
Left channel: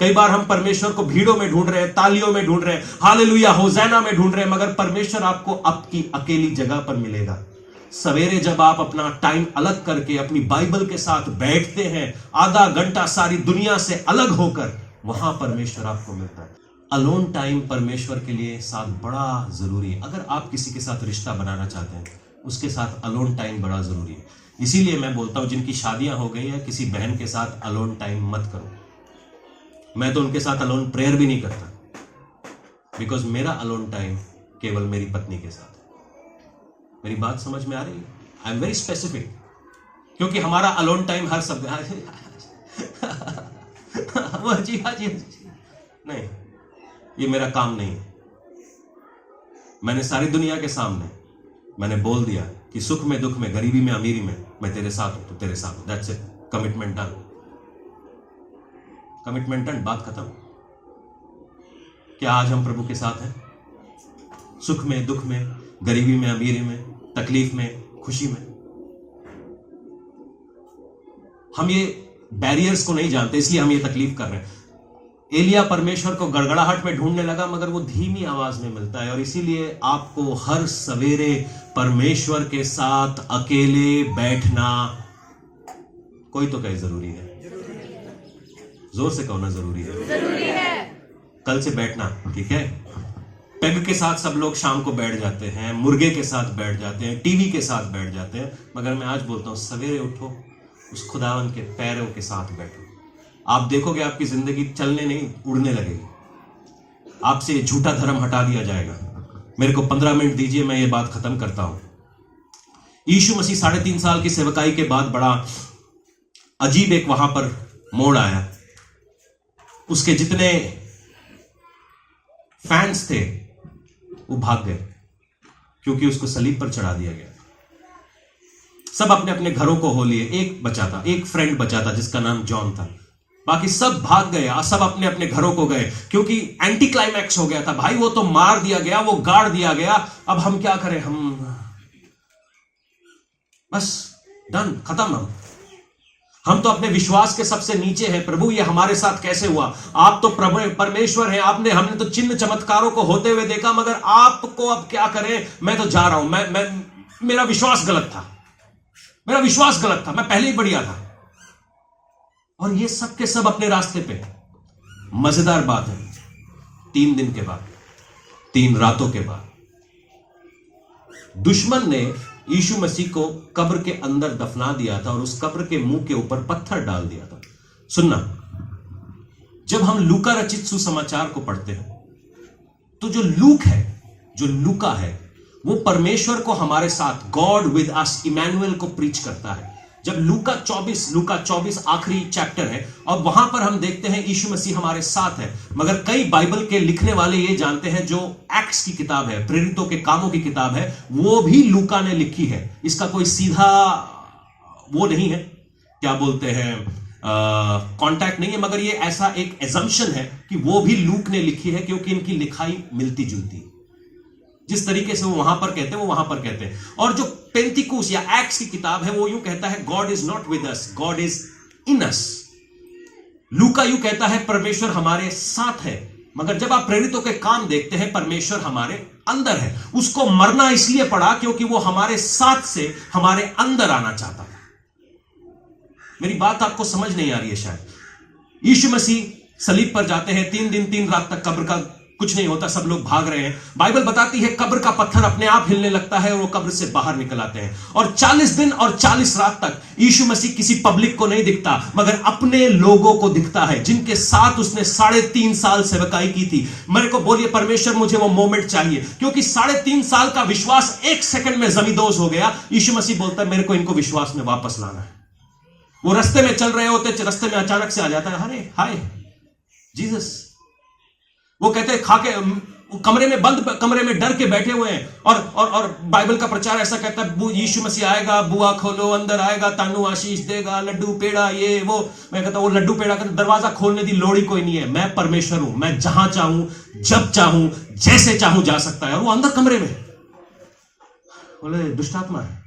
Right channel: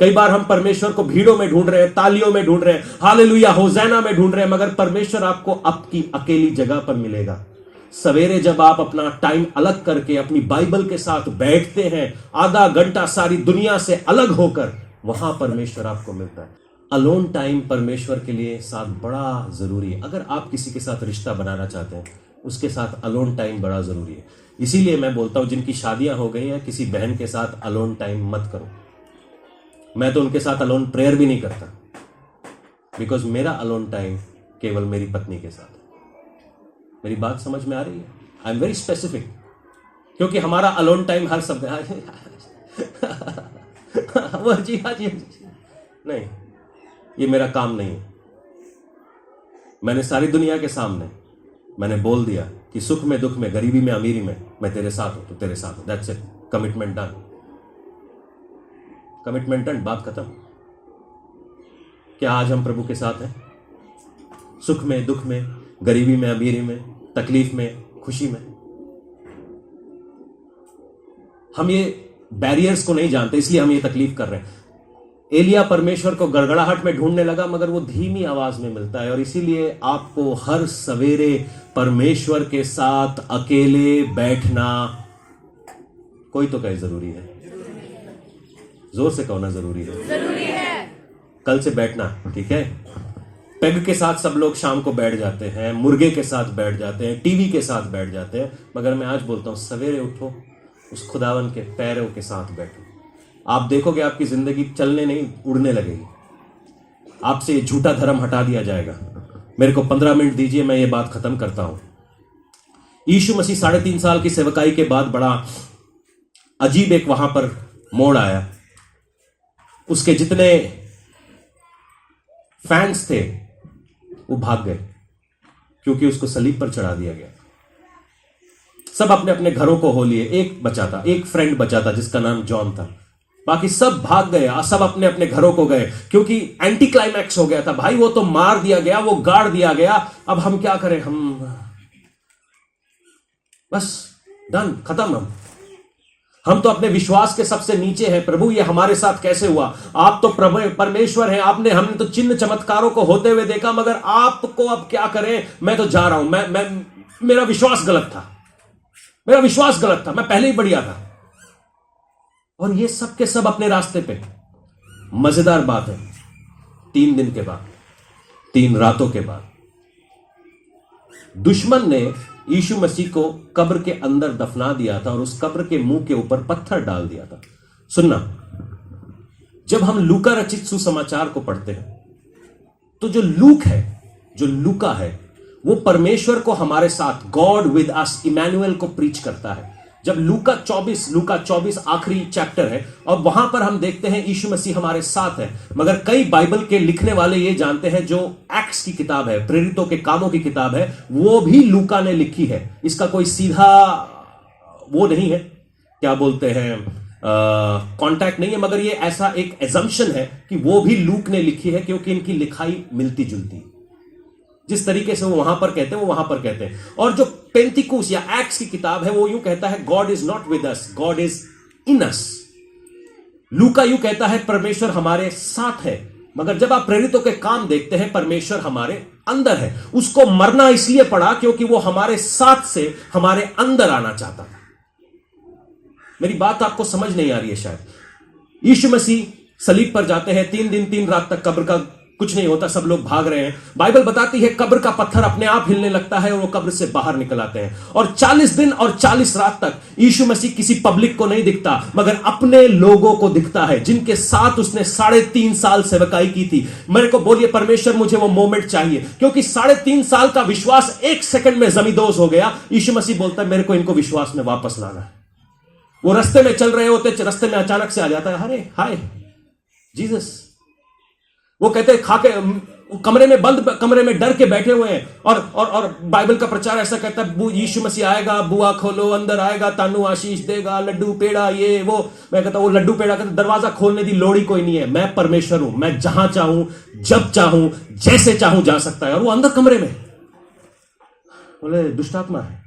कई बार हम परमेश्वर को भीड़ों में ढूंढ रहे हैं, तालियों में ढूंढ रहे हैं, हालेलुया होज़ैना में ढूंढ रहे हैं, मगर परमेश्वर आपको आपकी अकेली जगह पर मिलेगा। सवेरे जब आप अपना टाइम अलग करके अपनी बाइबल के साथ बैठते हैं, आधा घंटा सारी दुनिया से अलग होकर, वहां परमेश्वर आपको मिलता है। अलोन टाइम परमेश्वर के लिए साथ बड़ा जरूरी है। अगर आप किसी के साथ रिश्ता बनाना चाहते हैं, उसके साथ अलोन टाइम बड़ा जरूरी है। इसीलिए मैं बोलता हूं, जिनकी शादियां हो गई हैं, किसी बहन के साथ अलोन टाइम मत करो। मैं तो उनके साथ अलोन प्रेयर भी नहीं करता, बिकॉज मेरा अलोन टाइम केवल मेरी पत्नी के साथ है। मेरी बात समझ में आ रही है? आई एम वेरी स्पेसिफिक, क्योंकि हमारा अलोन टाइम हर शब्द वो जी हाँ जी नहीं, ये मेरा काम नहीं है। मैंने सारी दुनिया के सामने मैंने बोल दिया कि सुख में, दुख में, गरीबी में, अमीरी में मैं तेरे साथ हूं, तो तेरे साथ हूं। That's it, commitment done, commitment done, बात खत्म। क्या आज हम प्रभु के साथ हैं? सुख में, दुख में, गरीबी में, अमीरी में, तकलीफ में, खुशी में। हम ये बैरियर्स को नहीं जानते, इसलिए हम ये तकलीफ कर रहे हैं। एलिया परमेश्वर को गड़गड़ाहट में ढूंढने लगा, मगर वो धीमी आवाज में मिलता है। और इसीलिए आपको हर सवेरे परमेश्वर के साथ अकेले बैठना, कोई तो कहे जरूरी है, जोर से कहो ना, जरूरी है, जरूरी है। कल से बैठना, ठीक है? पेग के साथ सब लोग शाम को बैठ जाते हैं, मुर्गे के साथ बैठ जाते हैं, टीवी के साथ बैठ जाते हैं, मगर मैं आज बोलता हूं, सवेरे उठो, उस खुदावन के पैरों के साथ बैठो। आप देखोगे आपकी जिंदगी चलने नहीं, उड़ने लगेगी। आपसे ये झूठा धर्म हटा दिया जाएगा। मेरे को 15 मिनट दीजिए, मैं ये बात खत्म करता हूं। यीशु मसीह 3.5 साल की सेवकाई के बाद बड़ा अजीब एक वहां पर मोड़ आया। उसके जितने फैंस थे वो भाग गए, क्योंकि उसको सलीब पर चढ़ा दिया गया। सब अपने अपने घरों को हो लिए। एक बचा था, एक फ्रेंड बचा था, जिसका नाम जॉन था। बाकी सब भाग गए, सब अपने अपने घरों को गए, क्योंकि एंटी क्लाइमैक्स हो गया था भाई। वो तो मार दिया गया, वो गाड़ दिया गया, अब हम क्या करें, हम बस डन, खत्म। हम तो अपने विश्वास के सबसे नीचे हैं। प्रभु ये हमारे साथ कैसे हुआ? आप तो परमेश्वर हैं, हमने तो चिन्ह चमत्कारों को होते हुए देखा, मगर आपको अब क्या करें? मैं तो जा रहा हूं। मेरा विश्वास गलत था, मेरा विश्वास गलत था, मैं पहले ही बढ़िया था। और ये सब के सब अपने रास्ते पे। मजेदार बात है, 3 दिन के बाद, 3 रातों के बाद दुश्मन ने यीशु मसीह को कब्र के अंदर दफना दिया था और उस कब्र के मुंह के ऊपर पत्थर डाल दिया था। सुनना, जब हम लूका रचित सुसमाचार को पढ़ते हैं तो जो लूका है वो परमेश्वर को हमारे साथ, गॉड विद अस, इमैनुअल को प्रीच करता है। जब लूका 24 आखिरी चैप्टर है और वहां पर हम देखते हैं यीशु मसीह हमारे साथ है। मगर कई बाइबल के लिखने वाले ये जानते हैं, जो एक्ट्स की किताब है, प्रेरितों के कामों की किताब है, वो भी लूका ने लिखी है। इसका कोई सीधा वो नहीं है, क्या बोलते हैं, कॉन्टैक्ट नहीं है, मगर ये ऐसा एक एजम्पशन है कि वो भी लूक ने लिखी है, क्योंकि इनकी लिखाई मिलती जुलती। जिस तरीके से वो वहां पर कहते हैं वो वहां पर कहते हैं। और जो पेंटिकुस या एक्ट्स की किताब है वो यूं कहता है, God is not with us, God is in us. लूका यूं कहता है, परमेश्वर हमारे साथ है। मगर जब आप प्रेरितों के काम देखते हैं, परमेश्वर हमारे अंदर है। उसको मरना इसलिए पड़ा क्योंकि वो हमारे साथ से हमारे अंदर आना चाहता। मेरी बात आपको समझ नहीं आ रही है शायद। यीशु मसीह सलीब पर जाते हैं, 3 दिन 3 रात तक कब्र का कुछ नहीं होता, सब लोग भाग रहे हैं। बाइबल बताती है कब्र का पत्थर अपने आप हिलने लगता है और वो कब्र से बाहर निकल आते हैं। और 40 दिन और 40 रात तक यीशु मसीह किसी पब्लिक को नहीं दिखता, मगर अपने लोगों को दिखता है, जिनके साथ उसने 3.5 साल सेवकाई की थी। मेरे को बोलिए, परमेश्वर मुझे वो मोमेंट चाहिए, क्योंकि 3.5 साल का विश्वास 1 सेकंड में जमींदोज हो गया। यीशु मसीह बोलता है, मेरे को इनको विश्वास में वापस लाना है। वो रास्ते में चल रहे होते, रास्ते में अचानक से आ जाता है, अरे हाय जीसस। वो कहते हैं खाके कमरे में, बंद कमरे में डर के बैठे हुए हैं। और बाइबल का प्रचार ऐसा कहता है, यीशु मसीह आएगा, बुआ खोलो, अंदर आएगा, तानू आशीष देगा, लड्डू पेड़ा ये वो। मैं कहता हूं वो लड्डू पेड़ा का दरवाजा खोलने की लोड़ ही कोई नहीं है। मैं परमेश्वर हूं, मैं जहां चाहूं, जब चाहूं, जैसे चाहूं जा सकता है। वो अंदर कमरे में बोले दुष्ट आत्मा है।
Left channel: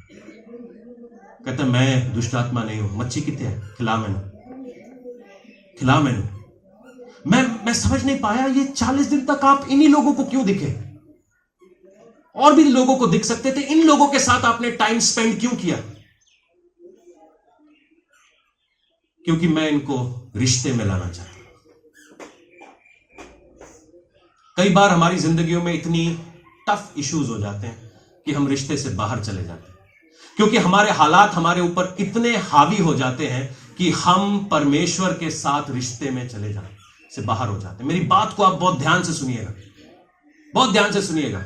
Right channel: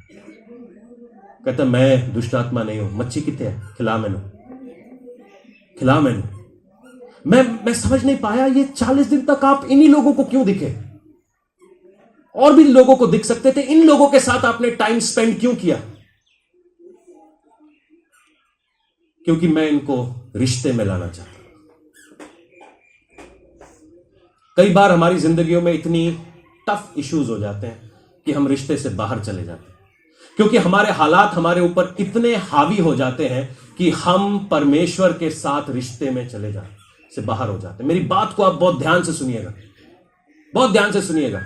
कहता मैं दुष्ट आत्मा नहीं हूं। मच्छी कितने है, खिला मैनू, खिला मैनू। मैं समझ नहीं पाया, ये 40 दिन तक आप इन्हीं लोगों को क्यों दिखे? और भी लोगों को दिख सकते थे, इन लोगों के साथ आपने टाइम स्पेंड क्यों किया? क्योंकि मैं इनको रिश्ते में लाना चाहता हूं। कई बार हमारी जिंदगियों में इतनी टफ इश्यूज हो जाते हैं कि हम रिश्ते से बाहर चले जाते हैं, क्योंकि हमारे हालात हमारे ऊपर इतने हावी हो जाते हैं कि हम परमेश्वर के साथ रिश्ते में चले जाते से बाहर हो जाते हैं। मेरी बात को आप बहुत ध्यान से सुनिएगा, बहुत ध्यान से सुनिएगा।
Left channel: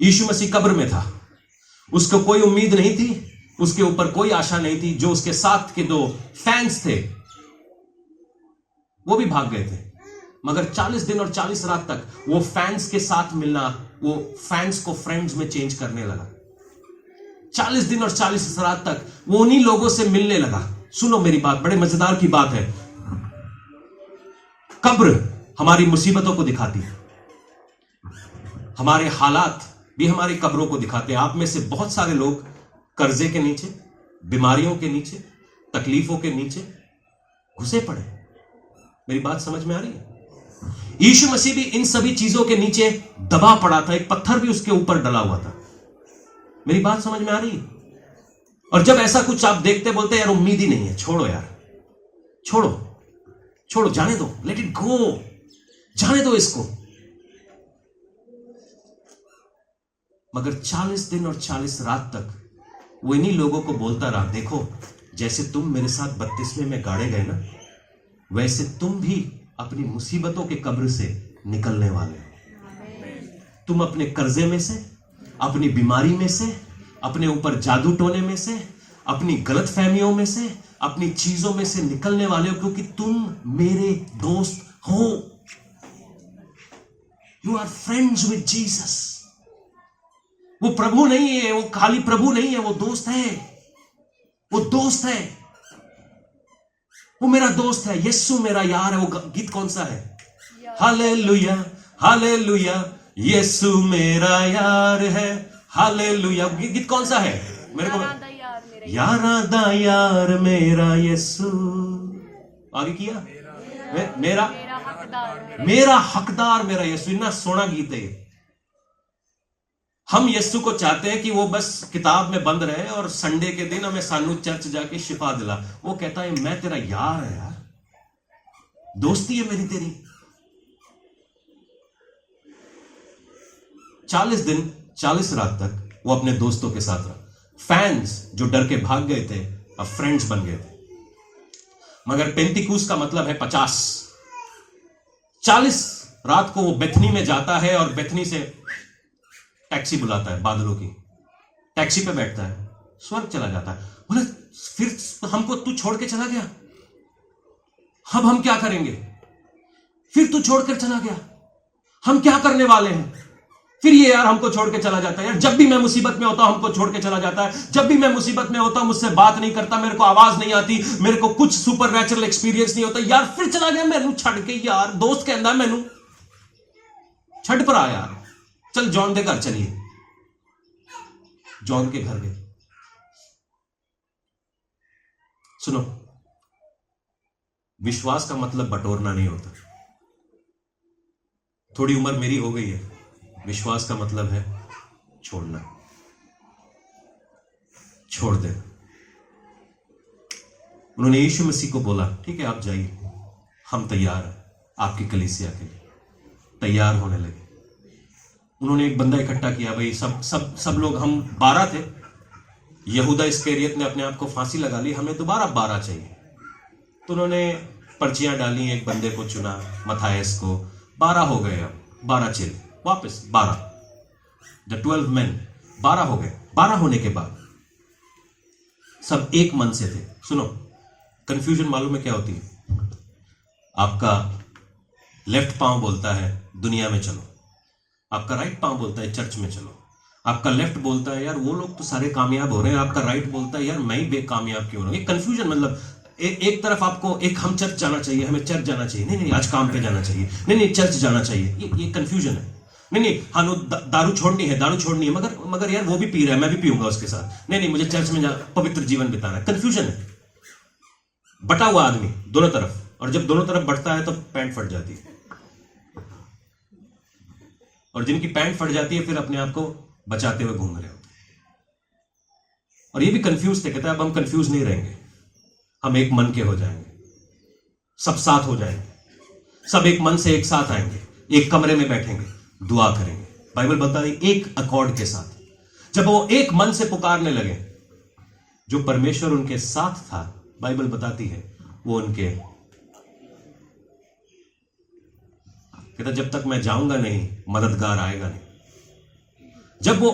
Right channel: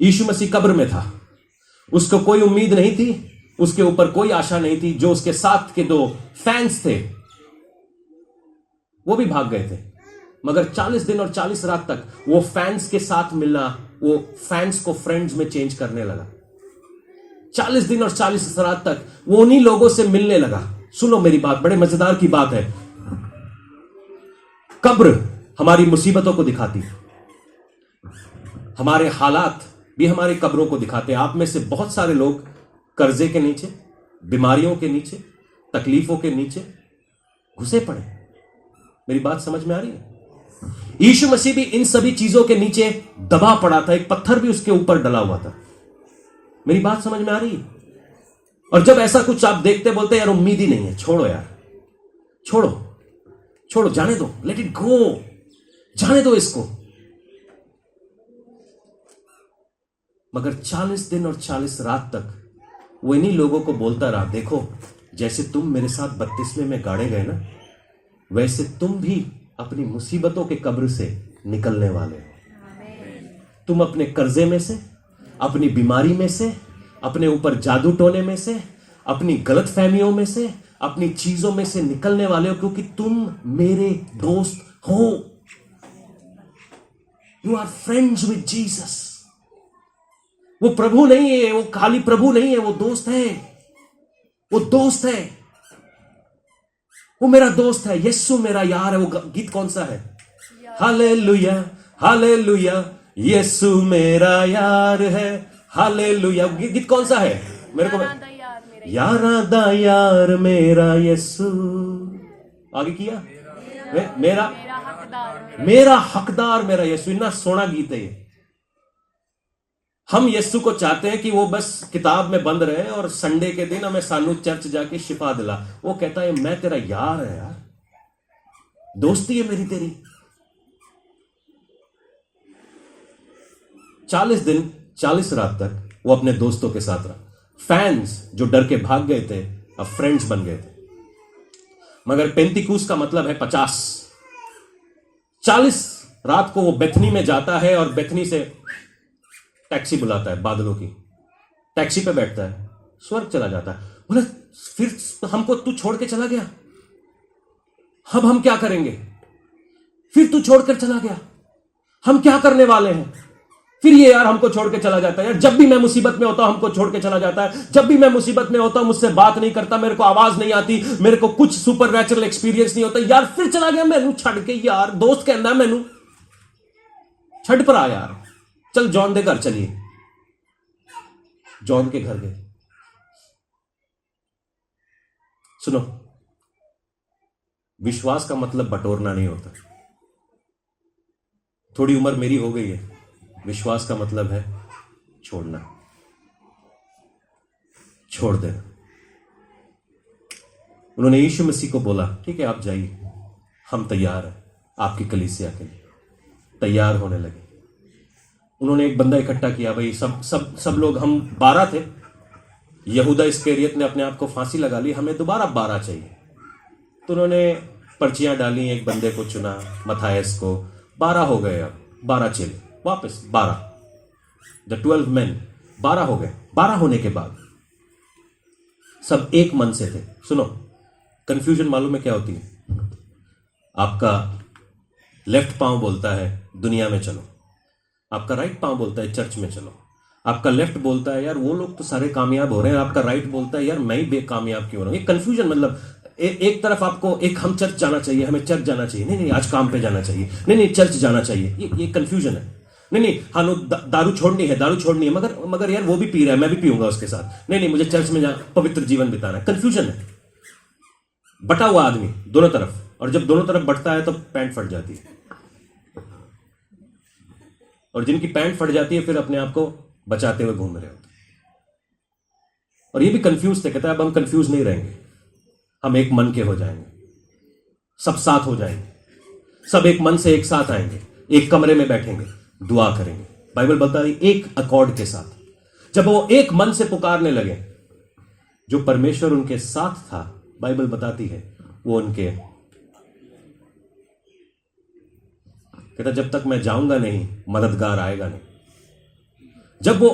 यीशु मसीह कब्र में था, उसको कोई उम्मीद नहीं थी, उसके ऊपर कोई आशा नहीं थी। जो उसके साथ के 2 फैंस थे वो भी भाग गए थे। मगर 40 दिन और 40 रात तक वो फैंस के साथ मिलना, वो फैंस को फ्रेंड्स में चेंज करने लगा। 40 दिन और 40 रात तक वो उन्हीं लोगों से मिलने लगा। सुनो मेरी बात, बड़े मजेदार की बात है। कब्र हमारी मुसीबतों को दिखाती है, हमारे हालात भी हमारी कब्रों को दिखाते हैं। आप में से बहुत सारे लोग कर्जे के नीचे, बीमारियों के नीचे, तकलीफों के नीचे घुसे पड़े। मेरी बात समझ में आ रही है? यीशु मसीह भी इन सभी चीजों के नीचे दबा पड़ा था, एक पत्थर भी उसके ऊपर डला हुआ था। मेरी बात समझ में आ रही है? और जब ऐसा कुछ आप देखते, बोलते यार उम्मीद ही नहीं है, छोड़ो यार, छोड़ो छोड़ो, जाने दो, लेट इट गो, जाने दो इसको। मगर 40 दिन और 40 रात तक वो इन्हीं लोगों को बोलता रहा, देखो जैसे तुम मेरे साथ बपतिस्मे में गाड़े गए ना, वैसे तुम भी अपनी मुसीबतों के कब्र से निकलने वाले हो। तुम अपने कर्जे में से, अपनी बीमारी में से, अपने ऊपर जादू टोने में से, अपनी गलत फहमियों में से, अपनी चीजों में से निकलने वाले हो, क्योंकि तुम मेरे दोस्त हो। You are friends with Jesus. वो प्रभु नहीं है, वो खाली प्रभु नहीं है, वो दोस्त है, वो दोस्त है। वो मेरा दोस्त है, यीशु मेरा यार है। वो गीत कौन सा है? हालेलुया हालेलुया, यीशु मेरा यार है, हालेलुया। गीत कौन सा है मेरे को? यारा दा यार मेरा यीशु। आगे किया मेरा हकदार मेरा यीशु। इतना सोना गीत है ये। हम यीशु को चाहते हैं कि वो बस किताब में बंद रहे और संडे के दिन हमें सानू चर्च जाके शिफा दिला। वो कहता है मैं तेरा यार है यार, दोस्ती है मेरी तेरी। 40 दिन 40 रात तक वो अपने दोस्तों के साथ रहा। फैंस जो डर के भाग गए थे अब फ्रेंड्स बन गए थे। मगर पेंतिकूस का मतलब है 50। 40 रात को वो बेथनी में जाता है और बेथनी से टैक्सी बुलाता है, बादलों की टैक्सी पे बैठता है, स्वर्ग चला जाता है। बोला फिर हमको तू छोड़ के चला गया, अब हम क्या करेंगे? फिर तू छोड़कर चला गया, हम क्या करने वाले हैं? फिर ये यार हमको छोड़ के चला जाता है यार। जब भी मैं मुसीबत में होता हूं हमको छोड़ के चला जाता है। जब भी मैं मुसीबत में होता हूं मुझसे बात नहीं करता, मेरे को आवाज नहीं आती, मेरे को कुछ सुपर नेचुरल एक्सपीरियंस नहीं होता यार। फिर चला गया मैनू छड़ के यार। दोस्त कहता है मैनू छड़ पर आ यार, चल जॉन दे घर चलिए। जॉन के घर गए। सुनो, विश्वास का मतलब बटोरना नहीं होता। थोड़ी उम्र मेरी हो गई है, विश्वास का मतलब है छोड़ना, छोड़ दे। उन्होंने यीशु मसीह को बोला ठीक है आप जाइए, हम तैयार हैं आपकी कलीसिया के लिए। तैयार होने लगे। उन्होंने एक बंदा इकट्ठा किया। भाई सब लोग, हम 12 थे। यहूदा इस्करियत ने अपने आप को फांसी लगा ली, हमें दोबारा 12 चाहिए। तो उन्होंने पर्चियां डाली, एक बंदे को चुना, मथायस को। 12 हो गए। अब 12 चेले वापस 12, द 12 men 12 हो गए। 12 होने के बाद सब एक मन से थे। सुनो, कंफ्यूजन मालूम है क्या होती है? आपका लेफ्ट पांव बोलता है दुनिया में चलो, आपका राइट पांव बोलता है चर्च में चलो। आपका लेफ्ट बोलता है यार वो लोग तो सारे कामयाब हो रहे हैं, आपका राइट बोलता है यार मैं ही बेकामयाब क्यों हो रहा हूं। ये कंफ्यूजन मतलब एक तरफ आपको एक हम चर्च जाना चाहिए, हमें चर्च जाना चाहिए, नहीं आज काम पे जाना चाहिए, नहीं चर्च जाना चाहिए। ये कंफ्यूजन है। नहीं हाँ दारू छोड़नी है, मगर यार वो भी पी रहा है, मैं भी पीऊंगा उसके साथ। नहीं मुझे चर्च में पवित्र जीवन बिताना है। कंफ्यूजन है। बटा हुआ आदमी दोनों तरफ, और जब दोनों तरफ बटता है तो पैंट फट जाती है। और जिनकी पैंट फट जाती है फिर अपने आप को बचाते हुए घूम रहे होते। और ये भी कंफ्यूज थे। कहता है अब हम कंफ्यूज नहीं रहेंगे, हम एक मन के हो जाएंगे, सब साथ हो जाएंगे, सब एक मन से एक साथ आएंगे, एक कमरे में बैठेंगे, दुआ करेंगे। बाइबल बता रही एक अकॉर्ड के साथ। जब वो एक मन से पुकारने लगे, जो परमेश्वर उनके साथ था, बाइबल बताती है वो उनके कहता जब तक मैं जाऊंगा नहीं मददगार आएगा नहीं। जब वो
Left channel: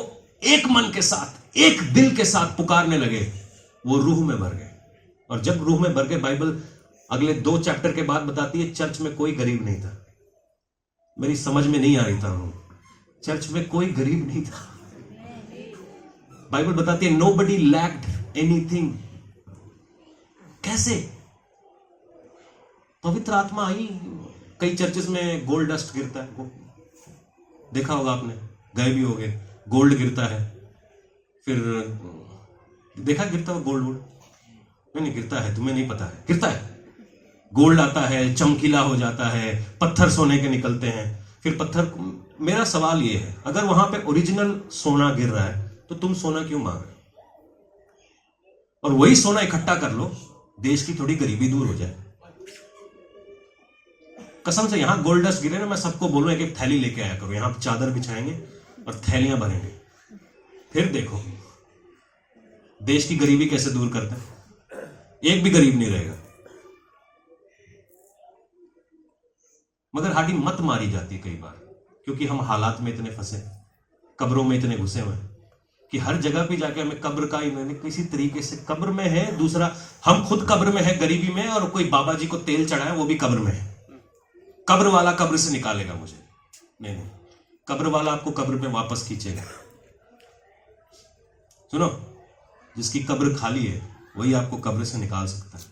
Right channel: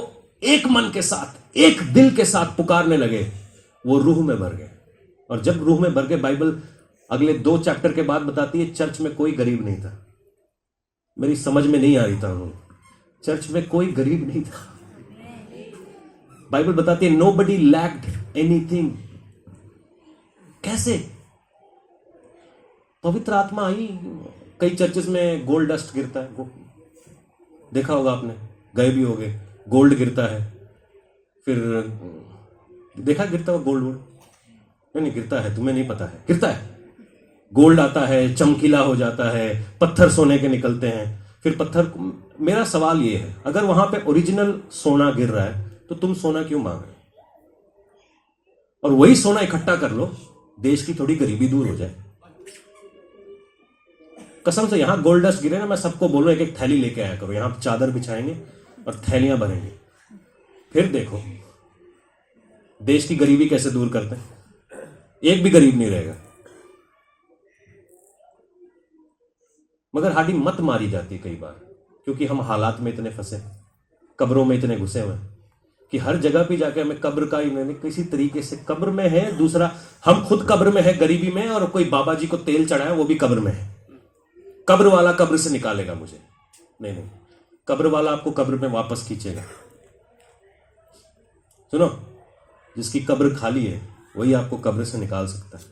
एक मन के साथ एक दिल के साथ पुकारने लगे, वो रूह में भर गए। और जब रूह में भर गए, बाइबल अगले 2 चैप्टर के बाद बताती है चर्च में कोई गरीब नहीं था। मेरी समझ में नहीं आ रही था उन्होंने, चर्च में कोई गरीब नहीं था। बाइबल बताती है नोबडी लैक्ड एनीथिंग। कैसे? पवित्र आत्मा आई। कई चर्चेस में गोल्ड डस्ट गिरता है, देखा होगा आपने, गए भी होगे। गोल्ड गिरता है, फिर देखा गिरता हुआ गोल्ड? नहीं गिरता है, तुम्हें नहीं पता है, गिरता है। गोल्ड आता है, चमकीला हो जाता है, पत्थर सोने के निकलते हैं। फिर पत्थर, मेरा सवाल ये है, अगर वहां पे ओरिजिनल सोना गिर रहा है तो तुम सोना क्यों मांग रहे हो? और वही सोना इकट्ठा कर लो, देश की थोड़ी गरीबी दूर हो जाए। कसम से यहां गोल्ड डस्ट गिरे ना, मैं सबको बोल रहा हूं एक थैली लेके आया करो, यहां चादर बिछाएंगे और थैलियां भरेंगे, फिर देखो देश की गरीबी कैसे दूर करते हैं। एक भी गरीब नहीं रहेगा। मगर हमारी मत मारी जाती है कई बार, क्योंकि हम हालात में इतने फंसे, कब्रों में इतने घुसे हुए कि हर जगह पे जाके हमें कब्र का ही किसी तरीके से, कब्र में है, दूसरा हम खुद कब्र में है गरीबी में, और कोई बाबा जी को तेल चढ़ाए वो भी कब्र में है। कब्र वाला कब्र से निकालेगा मुझे, नहीं कब्र वाला आपको कब्र में वापस खींचेगा। सुनो, जिसकी कब्र खाली है वही आपको कब्र से निकाल सकता है।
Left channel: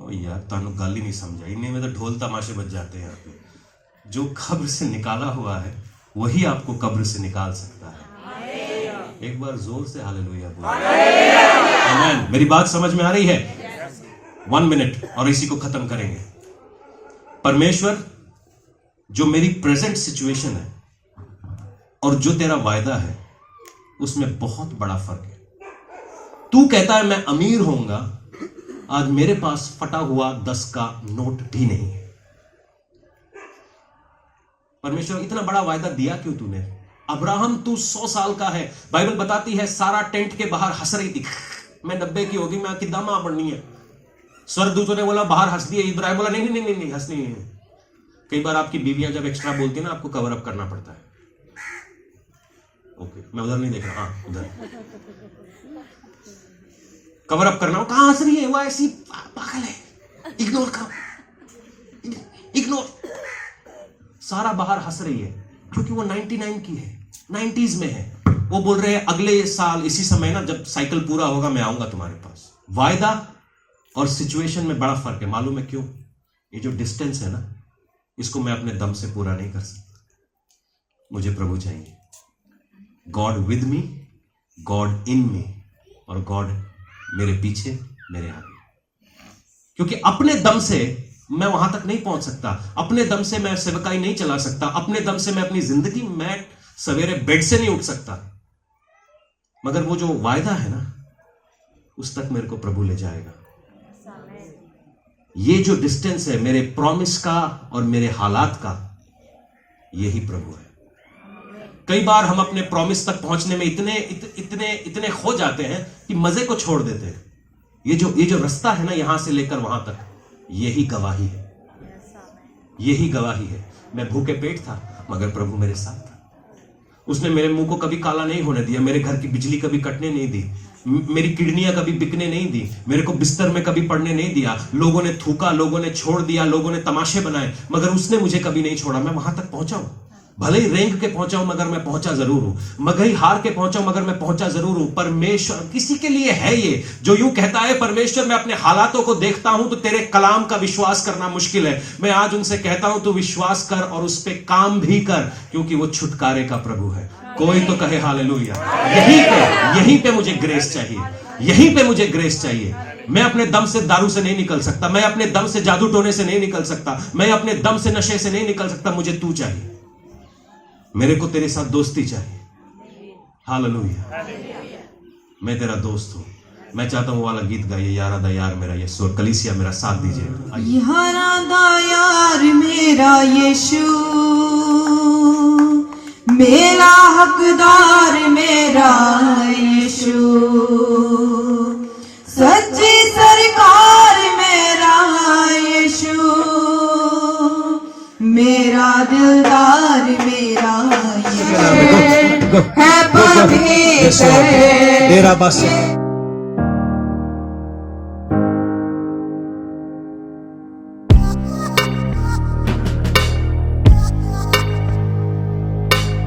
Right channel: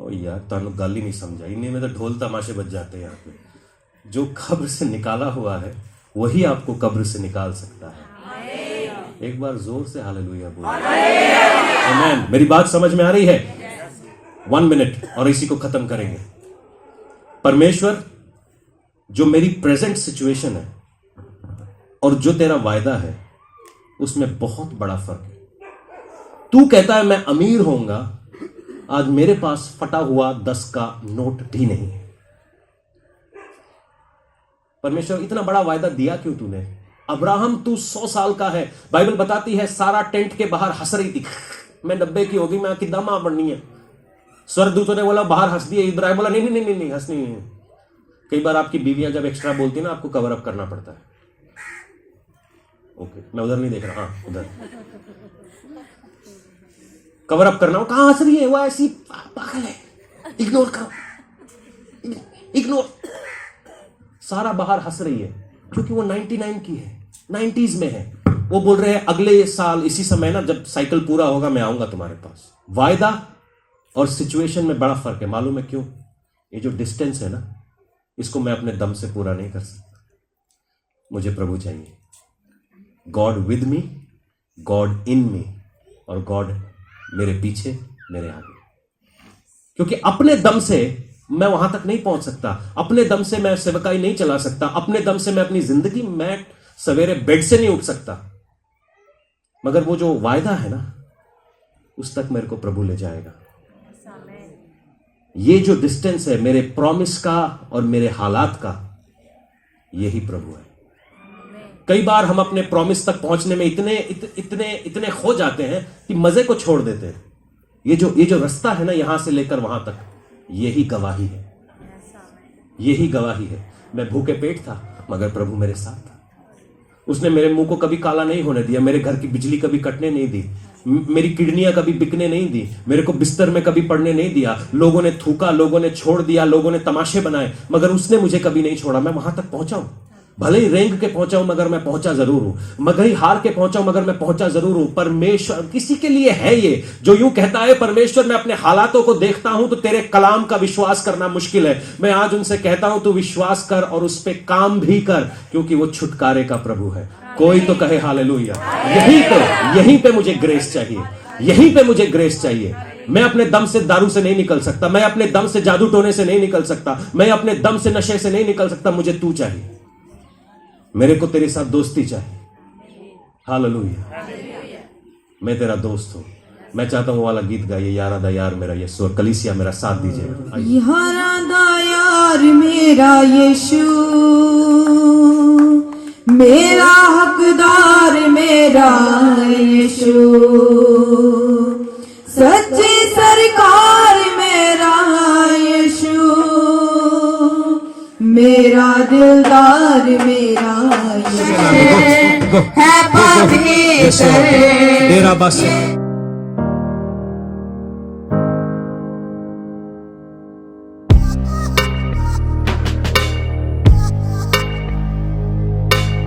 ओ यार तानु गल ही नहीं समझा, इन्हीं में तो ढोल तमाशे बज जाते हैं यहाँ पे। जो कब्र से निकाला हुआ है वही आपको कब्र से निकाल सकता है। एक बार जोर से हालेलुया बोलो। आमीन। मेरी बात समझ में आ रही है? 1 मिनट और इसी को खत्म करेंगे। परमेश्वर, जो मेरी प्रेजेंट सिचुएशन है और जो तेरा वायदा है उसमें बहुत बड़ा फर्क है। तू कहता है मैं अमीर होऊंगा, आज मेरे पास फटा हुआ 10 का नोट भी नहीं है। परमेश्वर, इतना बड़ा वायदा दिया क्यों तूने? अब्राहम तू 100 साल का है, बाइबल बताती है सारा टेंट के बाहर हंस रही थी, मैं 90 की होगी, मैं कितना मां बननी है। स्वर्गदूतों ने बोला बाहर हंस दिया, इब्राहिम बोला नहीं नहीं नहीं नहीं हंसनी नहीं है। कई बार आपकी बीवियां जब एक्स्ट्रा बोलती है ना, आपको कवर अप करना पड़ता है। ओके, मैं उधर नहीं देख रहा, हाँ उधर कवर अप करना। कहां हंस रही है? वो ऐसी पागल है, इग्नोर करो, इग्नोर। सारा बाहर हंस रही है क्योंकि वो 99 की है, 90s में है। वो बोल रहे हैं अगले साल इसी समय ना, जब साइकिल पूरा होगा मैं आऊंगा तुम्हारे पास। वायदा और सिचुएशन में बड़ा फर्क है। मालूम है क्यों? ये जो डिस्टेंस है ना, इसको मैं अपने दम से पूरा नहीं कर सकता। मुझे प्रभु चाहिए। गॉड विद मी, गॉड इन मी, और गॉड मेरे पीछे, मेरे आगे। क्योंकि अपने दम से मैं वहां तक नहीं पहुंच सकता, अपने दम से मैं सेवकाई नहीं चला सकता, अपने दम से मैं अपनी जिंदगी, मैं सवेरे बेड से नहीं उठ सकता। मगर वो जो वायदा है ना, उस तक मेरे को प्रभु ले जाएगा। ये जो डिस्टेंस है मेरे प्रॉमिस का और मेरे हालात का, यही प्रभु है। कई बार हम अपने प्रॉमिस तक पहुंचने में इतने खो जाते हैं कि मजे को छोड़ देते हैं। ये जो रास्ता है ना, यहां से लेकर वहां तक, यही गवाही है, यही गवाही है। मैं भूखे पेट था मगर प्रभु मेरे साथ था। उसने मेरे मुंह को कभी काला नहीं होने दिया, मेरे घर की बिजली कभी कटने नहीं दी, मेरी किडनियां कभी बिकने नहीं दी, मेरे को बिस्तर में कभी पड़ने नहीं दिया। लोगों ने थूका, लोगों ने छोड़ दिया, लोगों ने तमाशे बनाए, मगर उसने मुझे कभी नहीं छोड़ा। मैं वहां तक पहुंचा हूं, भले ही रेंग के पहुंचा हूं मगर मैं पहुंचा जरूर हूं, मगर ही हार के पहुंचा हूं मगर मैं पहुंचा जरूर हूं। परमेश्वर किसी के लिए है ये जो यूं कहता है, परमेश्वर मैं अपने हालातों को देखता हूं तो तेरे कलाम का विश्वास करना मुश्किल है। मैं आज उनसे कहता हूं तू विश्वास कर और उस पे काम भी कर, क्योंकि वो छुटकारे का प्रभु है। कोई तो कहे हालेलुया। यहीं पे मुझे ग्रेस चाहिए, यहीं पे मुझे ग्रेस चाहिए। मैं अपने दम से दारू से नहीं निकल सकता, मैं अपने दम से जादू टोने से नहीं निकल सकता, मैं अपने दम से नशे से नहीं निकल सकता। मुझे तू चाहिए, मेरे को तेरे साथ दोस्ती चाहिए। हालेलुया। मैं तेरा दोस्त हूं। मैं चाहता हूं वाला गीत गाइए, यारा दा यार मेरा यीशु, और कलीसिया मेरा साथ दीजिएगा। यारा दा यार मेरा यीशु, मेरा हकदार मेरा यीशु, सच्ची सरकार मेरा यीशु, मेरा दिलदार मेरा यीशु है पवित्र। तेरा बस